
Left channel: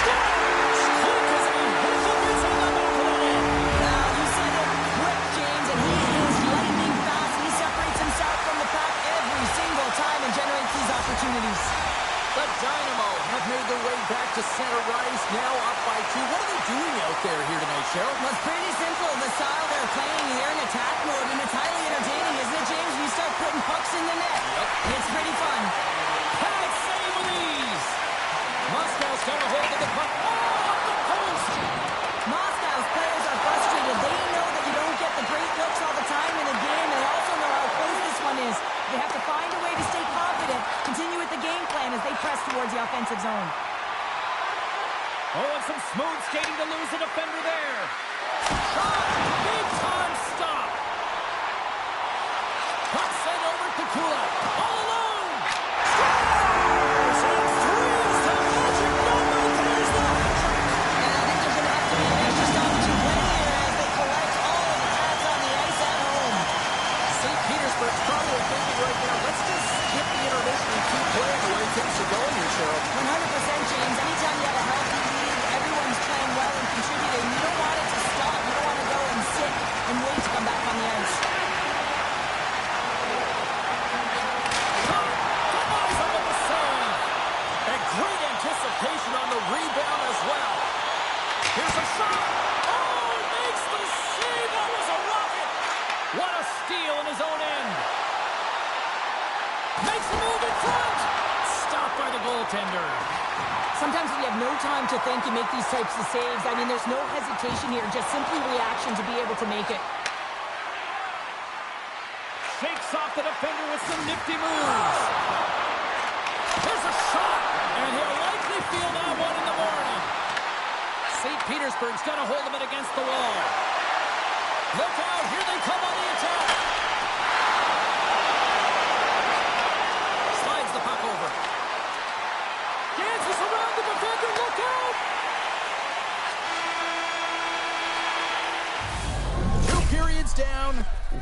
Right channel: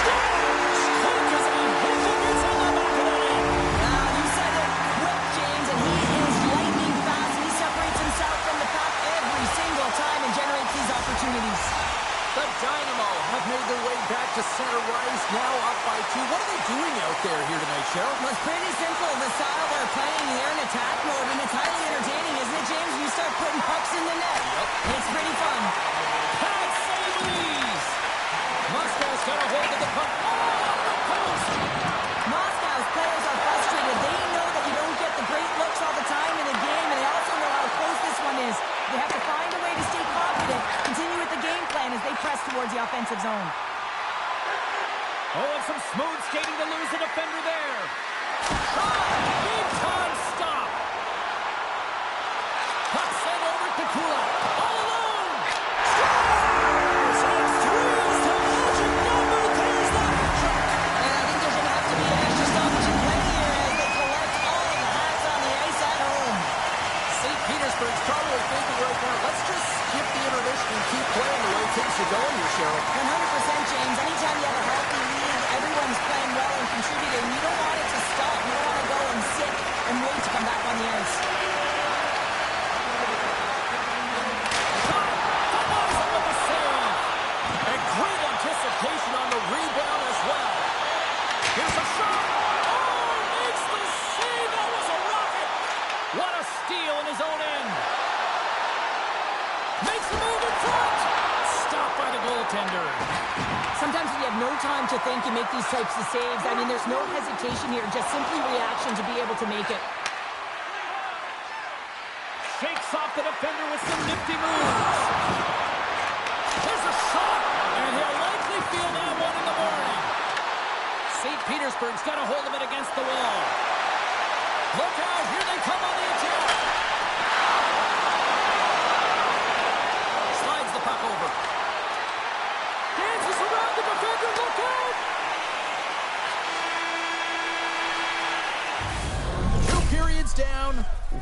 Scores! Quick as a hit gets on the back of the net. Well, you said it quick, James, and he is lightning fast. He separates himself from the pack every single time and generates these opportunities. The Dynamo have made their way back to center ice, now up by 2. What are they doing out there here tonight, Cheryl? Well, it's pretty simple. The style they're playing, they're in attack mode, and it's highly entertaining, isn't it, James? When you start putting pucks in the net. Yep. It's pretty fun. Pad save with ease. Moscow's got a hold of the puck. Oh, off the post. Moscow's players are frustrated. They know that you don't get the great looks all the time in the game, and they also know how close this one is. They have to find a way to stay confident, continue with the game plan as they press towards the offensive zone. Oh, and some smooth skating to lose the defender there. Shot! Big time stop. Puck sent over to Kulak. All alone. Scores! And 3 is the magic number. There's the hat trick. And I think there's going to have to be an extra stoppage in play here as they collect all of the hats on the ice at home. St. Petersburg's probably thinking right now, let's just skip the intermission and keep playing the way things are going here, Cheryl. 100%, James. Anytime you have a healthy league, everyone's playing well and contributing. You don't want it to stop. You don't want to go and sit and wait to come back on the ice. Shot! Denies him with a save. And great anticipation on the rebound as well. Here's a shot. Oh, makes the save. That was a rocket. What a steal in his own end. Makes a move in front. Stopped by the goaltender. Sometimes when you have no time to think, you make these types of saves. I mean, there's no hesitation here, just simply reaction to be able to make it. Shakes off the defender with some nifty moves. There's a shot, and he'll likely feel that one in the morning. St. Petersburg's got a hold of it against the wall. Look out, here they come on the attack. Slides the puck over. Dances around the defender, look out! 2 periods down,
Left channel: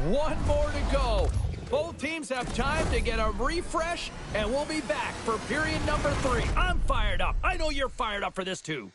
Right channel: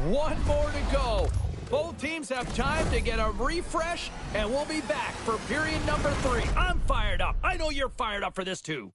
1 more to go. Both teams have time to get a refresh, and we'll be back for period number 3. I'm fired up. I know you're fired up for this too.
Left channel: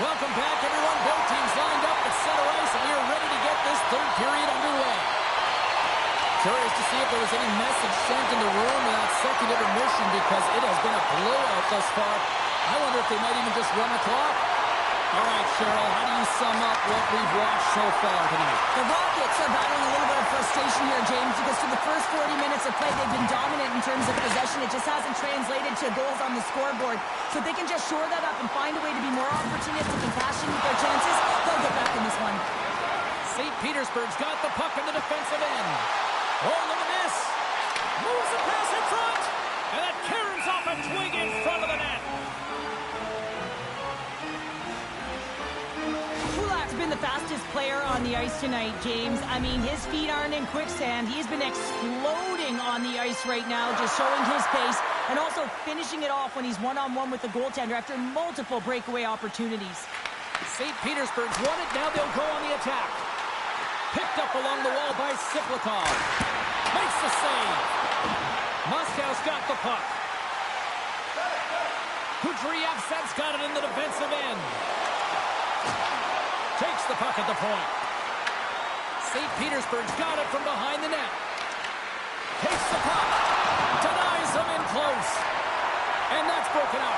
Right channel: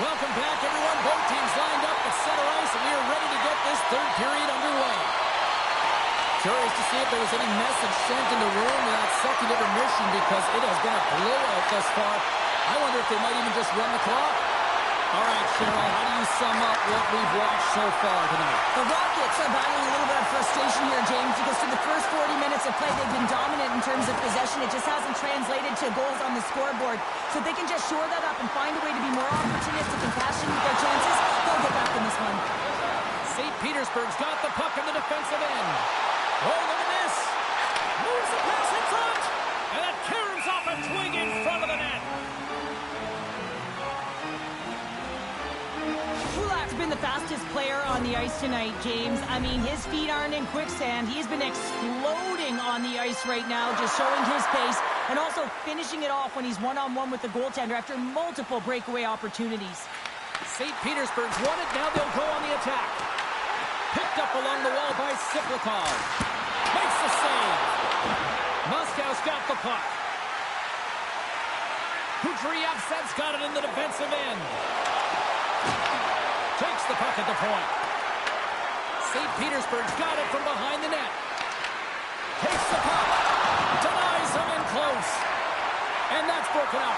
Welcome back, everyone. Both teams lined up at center ice, and we are ready to get this third period underway. Curious to see if there was any message sent in the room in that second intermission because it has been a blowout thus far. I wonder if they might even just run the clock. All right, Cheryl, how do you sum up what we've watched so far tonight? The Rockets are battling a little bit of frustration here, James, because through the first 40 minutes of play, they've been dominant in terms of possession. It just hasn't translated to goals on the scoreboard. So if they can just shore that up and find a way to be more opportunistic and cash in with their chances, they'll get back in this one. St. Petersburg's got the puck in the defensive end. Oh, look at this. Moves the pass in front. And that caroms off a twig in front of the net. Kulak's been the fastest player on the ice tonight, James. I mean, his feet aren't in quicksand. He's been exploding on the ice right now, just showing his pace and also finishing it off when he's one-on-one with the goaltender after multiple breakaway opportunities. St. Petersburg's won it. Now they'll go on the attack. Picked up along the wall by Siplikov. Makes the save. Moscow's got the puck. Kudryavtsev's got it in the defensive end. Takes the puck at the point. St. Petersburg's got it from behind the net. Takes the puck. Denies him in close. And that's broken out.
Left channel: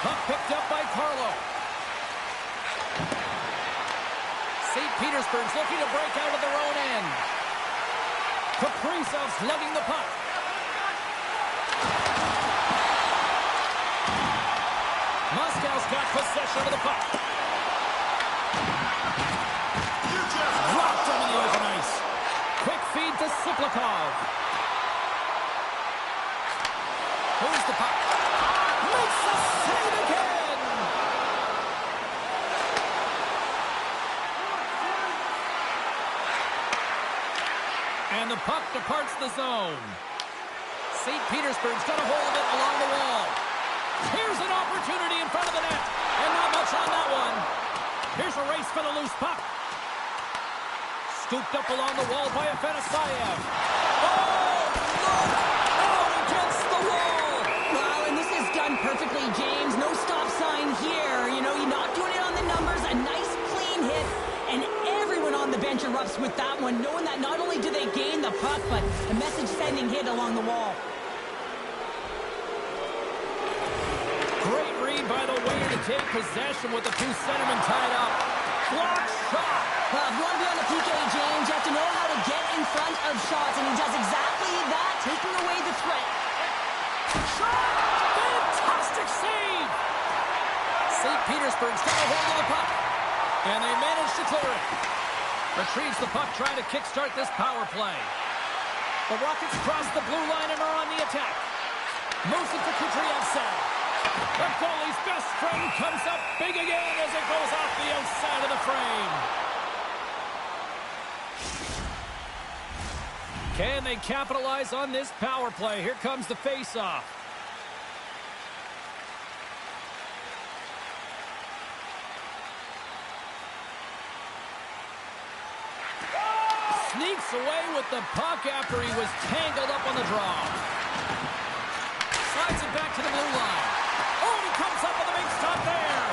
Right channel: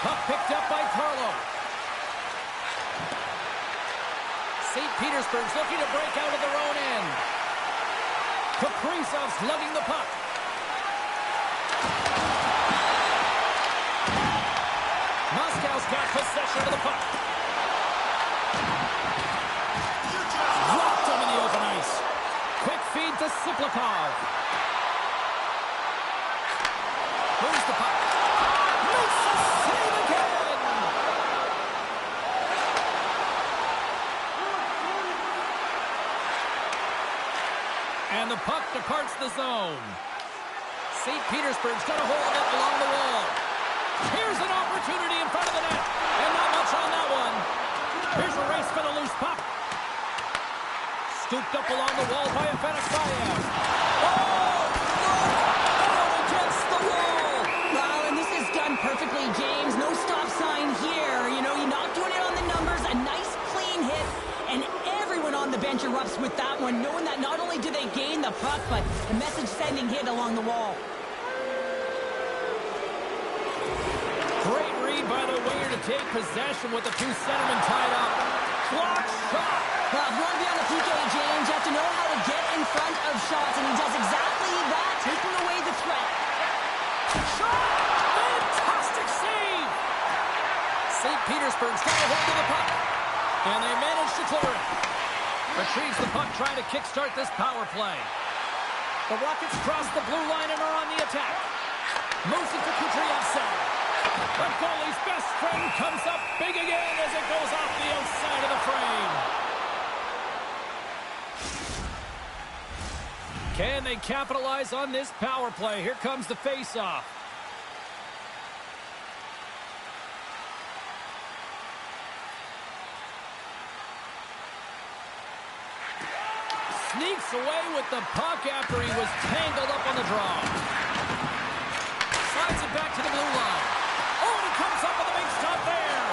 Puck picked up by Carlo. St. Petersburg's looking to break out of their own end. Kaprizov's lugging the puck. Moscow's got possession of the puck. Dropped him in the open ice. Quick feed to Siplikov. Moves the puck. Makes the save again. And the puck departs the zone. St. Petersburg's got a hold of it along the wall. Here's an opportunity in front of the net. And not much on that one. Here's a race for the loose puck. Scooped up along the wall by Afanasayev. Oh, look! Out against the wall! Wow, and this is done perfectly, James. No stop sign here. You know, you're not doing it on the numbers. A nice, clean hit. And everyone on the bench erupts with that one, knowing that not only do they gain the puck, but the message-sending hit along the wall. Great read by the winger to take possession with the two centermen tied up. Block shot. Well, if you want to be on the PK, James, you have to know how to get in front of shots, and he does exactly that, taking away the threat. Shot! Fantastic save! St. Petersburg's got a hold of the puck. And they manage to clear it. Retrieves the puck, trying to kickstart this power play. The Rockets cross the blue line and are on the attack. Moves it to Kudryavtsev. The goalie's best friend comes up big again as it goes off the outside of the frame. Can they capitalize on this power play? Here comes the face-off. Sneaks away with the puck after he was tangled up on the draw. Slides it back to the blue line. Oh, and he comes up with a big stop there.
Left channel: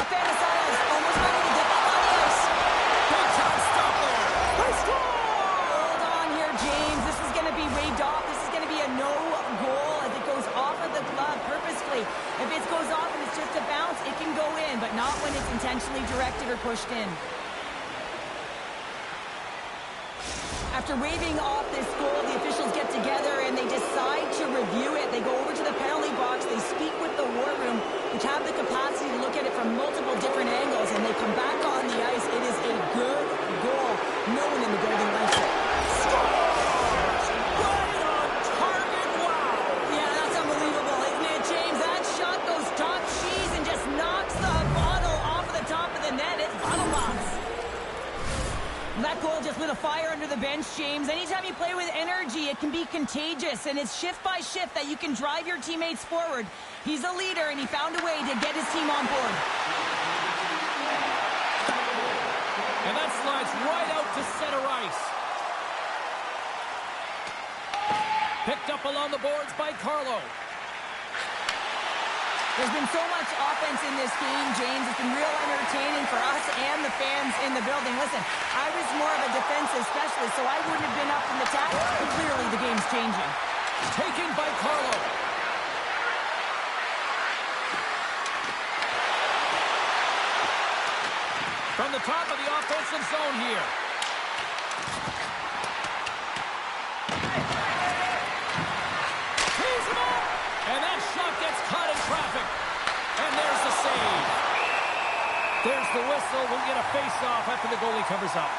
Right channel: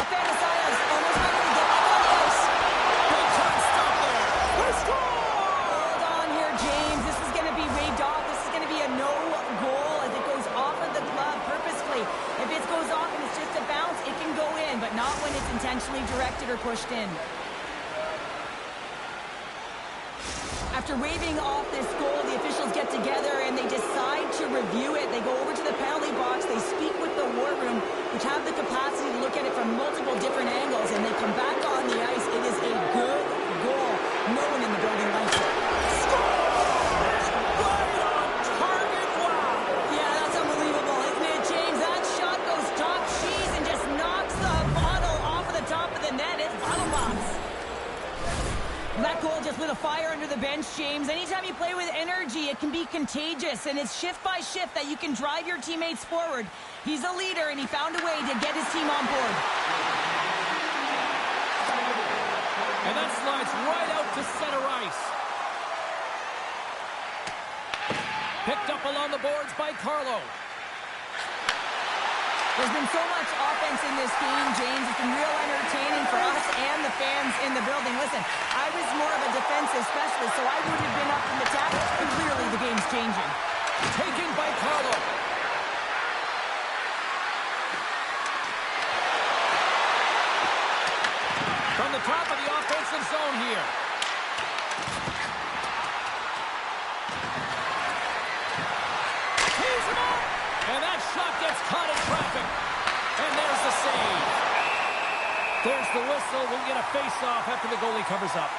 Afanasayev almost ready to get back on the ice. Big time stop there. They score! Hold on here, James. This is going to be waved off. This is going to be a no goal as it goes off of the glove purposefully. If it goes off and it's just a bounce, it can go in, but not when it's intentionally directed or pushed in. After waving off this goal, the officials get together and they decide to review it. They go over to the penalty box. They speak with the war room, which have the capacity to look at it from multiple different angles, and they come back on the ice. It is a good goal. No one in the building likes it. Scores! Right on target. Wow! Yeah, that's unbelievable, isn't it, James? That shot goes top cheese and just knocks the bottle off of the top of the net. It's bottle box. That goal just lit a fire under the bench, James. Anytime you play with energy, it can be contagious, and it's shift by shift that you can drive your teammates forward. He's a leader, and he found a way to get his team on board. And that slides right out to center ice. Picked up along the boards by Carlo. There's been so much offense in this game, James. It's been real entertaining for us and the the fans in the building. Listen, I was more of a defensive specialist, so I wouldn't have been up in the tackle, but clearly the game's changing. Taken by Carlo. From the top of the offensive zone here. Tees him up! And that shot gets caught in traffic. And there's the save. There's the whistle. We'll get a face-off after the goalie covers up.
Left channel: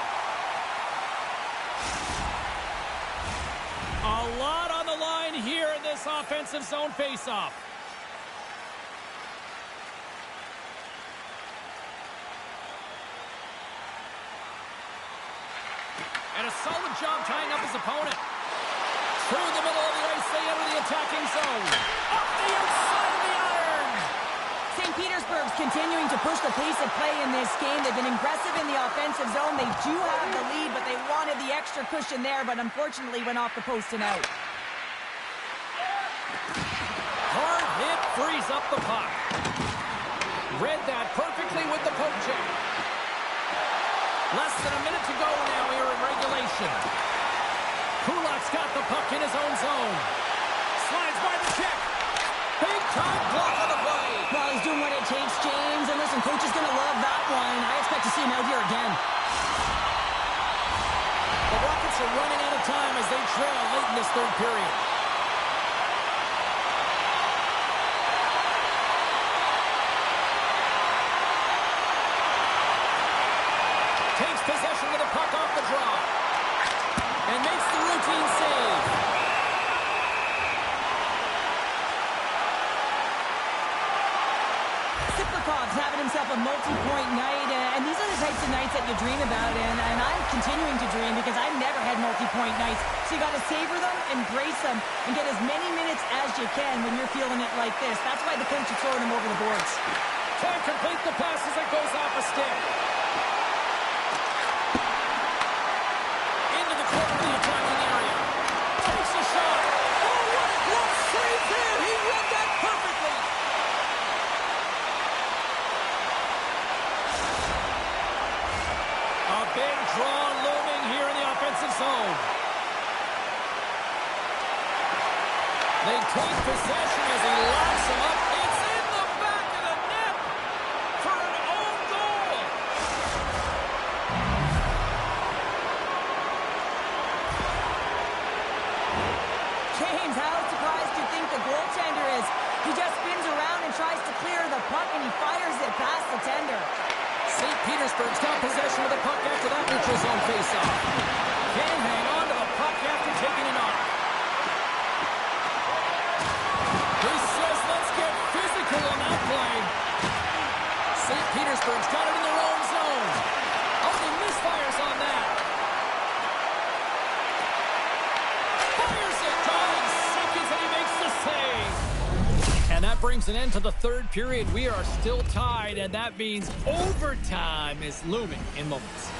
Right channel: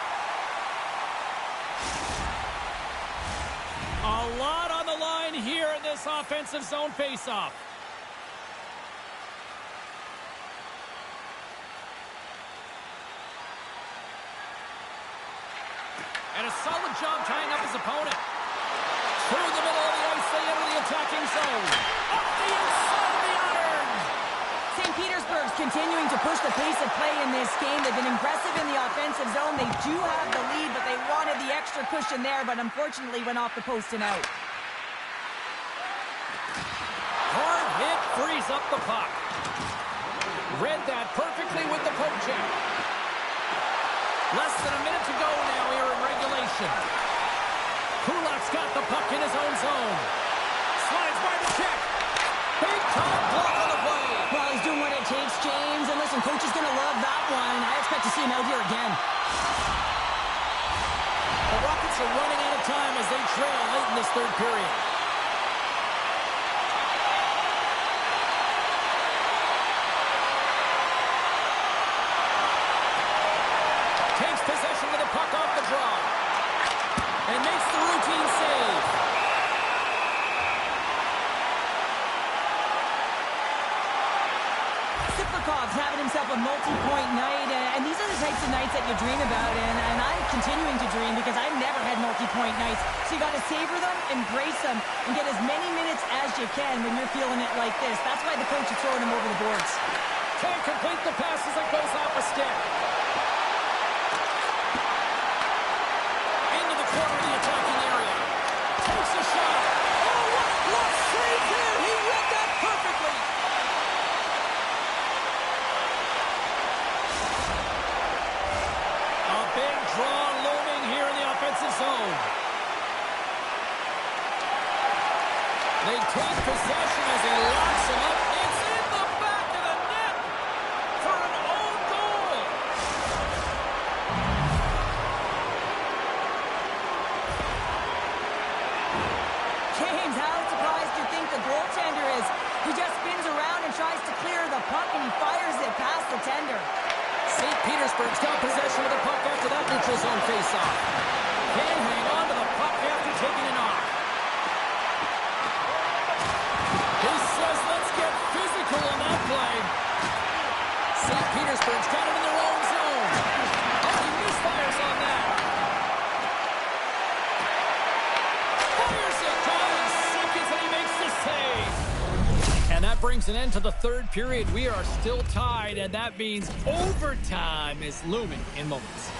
A lot on the line here in this offensive zone face-off. And a solid job tying up his opponent. Through the middle of the ice, they enter the attacking zone. Up the outside of the iron. St. Petersburg's continuing to push the pace of play in this game. They've been aggressive in the offensive zone. They do have the lead, but they wanted the extra cushion there, but unfortunately went off the post and out. Hard hit frees up the puck. Read that perfectly with the poke check. Less than a minute to go now here in regulation. Kulak's got the puck in his own zone. Slides by the check. Big time block on the play. Well, he's doing what it takes, James. And listen, coach is going to love that one. I expect to see him out here again. The Rockets are running out of time as they trail late in this third period. Takes possession with a puck off the draw. And makes the routine save. Siplikov's having himself a multi-point night, and these are the types of nights that you dream about, and I'm continuing to dream because I've never had multi-point nights. So you got to savor them, embrace them, and get as many minutes as you can when you're feeling it like this. That's why the coach is throwing him over the boards. Can't complete the pass as it goes off a stick. Into the corner of the attacking area. Takes a shot. Oh, what a glove save there. He read that perfectly. A big draw looming here in the offensive zone. They take possession as he locks him up. It's in the back of the net for an own goal. James, how surprised do you think the goaltender is? He just spins around and tries to clear the puck, and he fires it past the tender. St. Petersburg's got possession of the puck after that neutral zone faceoff. Can hang on to the puck after taking it off. He says, let's get physical on that play. St. Petersburg's got it in their own zone. Oh, he misfires on that. Fires it, drawing seconds, and he makes the save. And that brings an end to the third period. We are still tied, and that means overtime is looming in moments.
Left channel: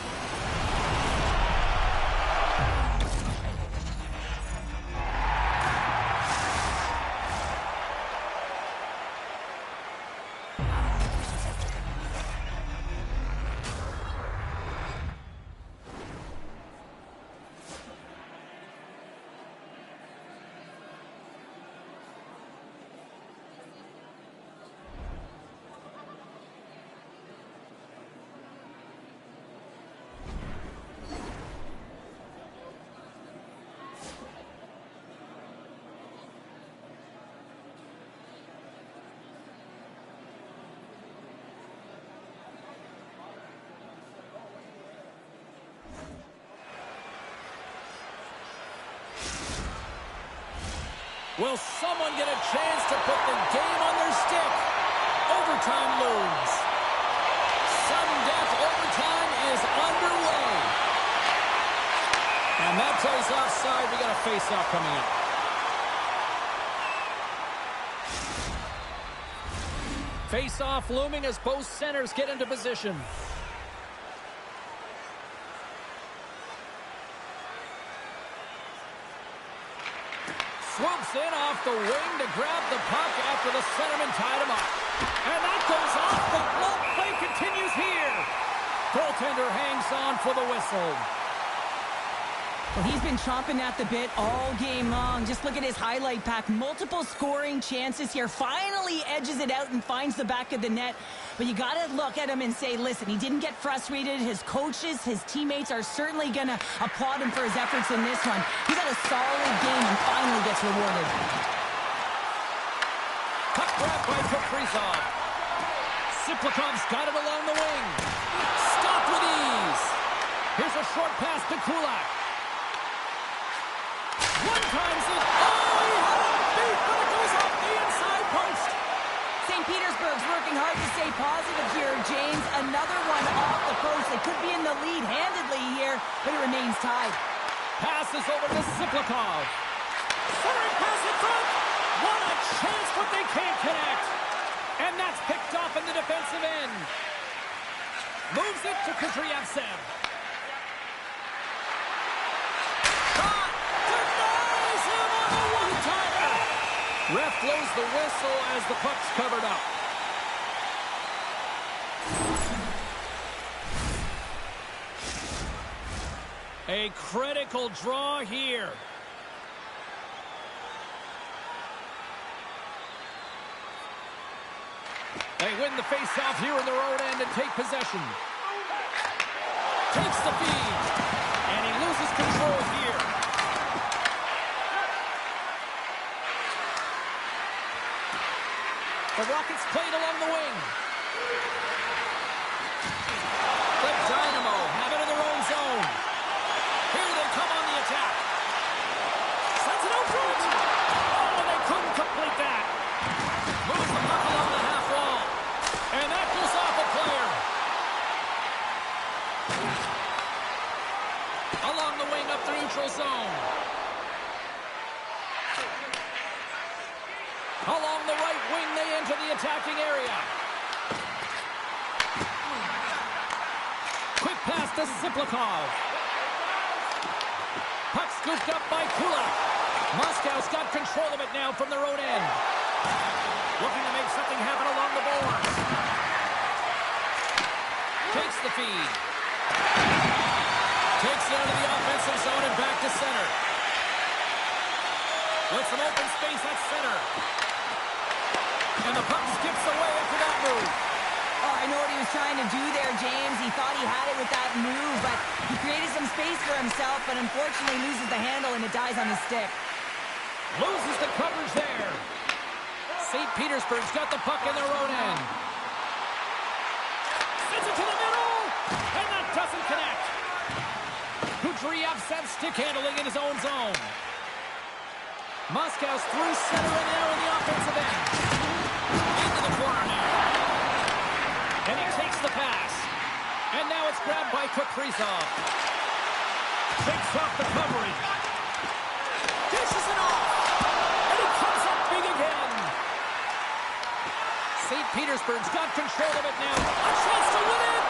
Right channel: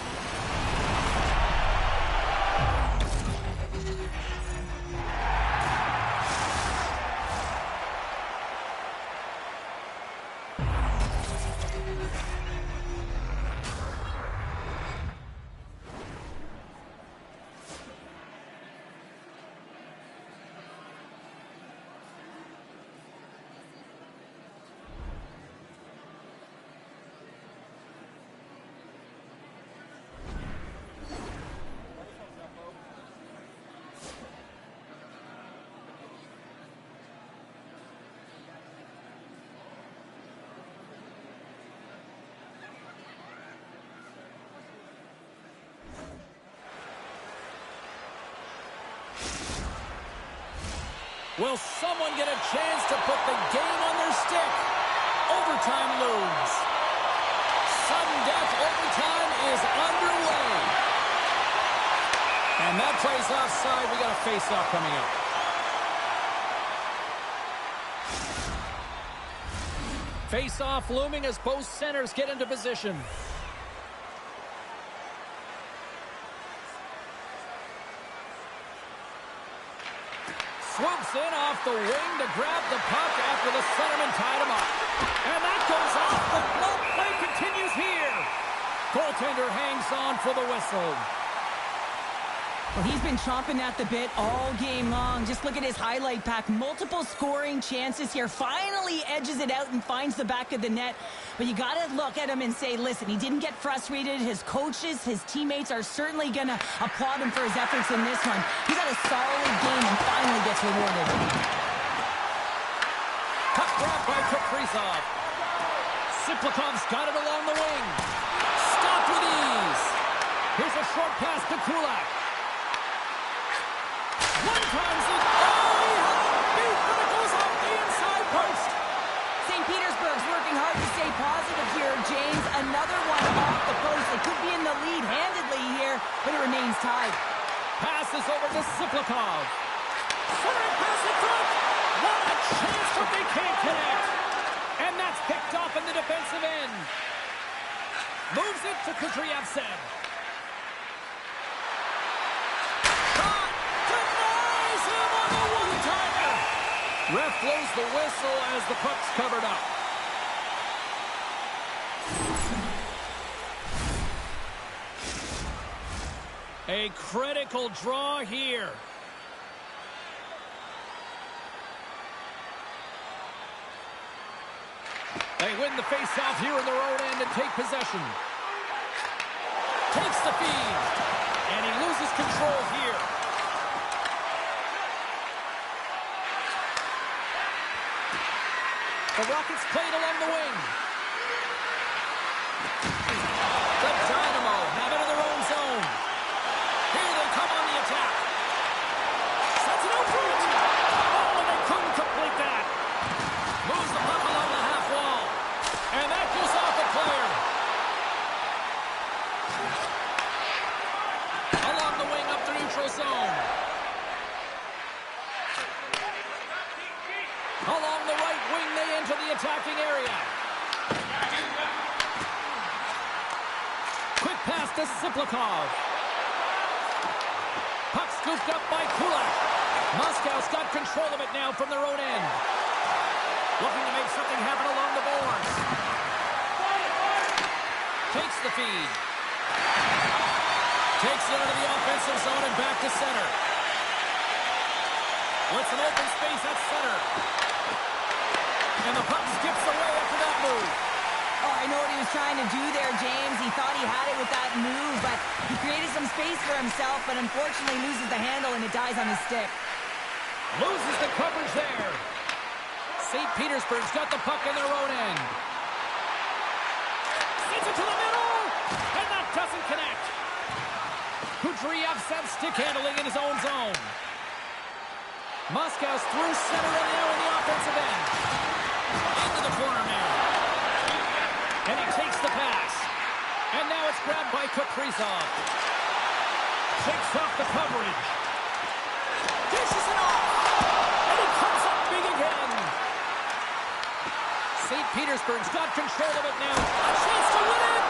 Will someone get a chance to put the game on their stick? Overtime looms. Sudden death overtime is underway. And that plays offside. We got a face-off coming up. Face-off looming as both centers get into position. Swoops in off the wing to grab the puck after the centerman tied him up. And that goes off. The glove play continues here. Goaltender hangs on for the whistle. Well, he's been chomping at the bit all game long. Just look at his highlight pack. Multiple scoring chances here. Finally edges it out and finds the back of the net. But you got to look at him and say, listen, he didn't get frustrated. His coaches, his teammates are certainly going to applaud him for his efforts in this one. He's had a solid game and finally gets rewarded. Puck grab by Kaprizov. Siplikov's got it along the wing. Stopped with ease. Here's a short pass to Kulak. One times it. Oh, he had it beat, but it goes off the inside post. St. Petersburg's working hard to stay positive here, James. Another one off the post. They could be in the lead handedly here, but it remains tied. Passes over to Siplikov. Centering pass in front. What a chance, but they can't connect. And that's picked off in the defensive end. Moves it to Kudryavtsev. Ref blows the whistle as the puck's covered up. A critical draw here. They win the face-off here in their own end and take possession. Takes the feed. And he loses control here. The Rockets played along the wing. The Dynamo have it in their own zone. Here they come on the attack. Sets it out front. Oh, and they couldn't complete that. Moves the puck along the half wall. And that goes off a player. Along the wing up the neutral zone. Along the right wing, they enter the attacking area. Quick pass to Siplikov. Puck scooped up by Kulak. Moscow's got control of it now from their own end. Looking to make something happen along the boards. Takes the feed. Takes it into the offensive zone and back to center. With some open space at center. And the puck skips away after that move. Oh, I know what he was trying to do there, James. He thought he had it with that move, but he created some space for himself, but unfortunately loses the handle and it dies on his stick. Loses the coverage there. St. Petersburg's got the puck in their own end. Sends it to the middle, and that doesn't connect. Kudryavtsev stick handling in his own zone. Moscow's through center and now in the offensive end. Into the corner now. And he takes the pass. And now it's grabbed by Kaprizov. Takes off the coverage. Dishes it off. And he comes up big again. St. Petersburg's got control of it now. A chance to win it.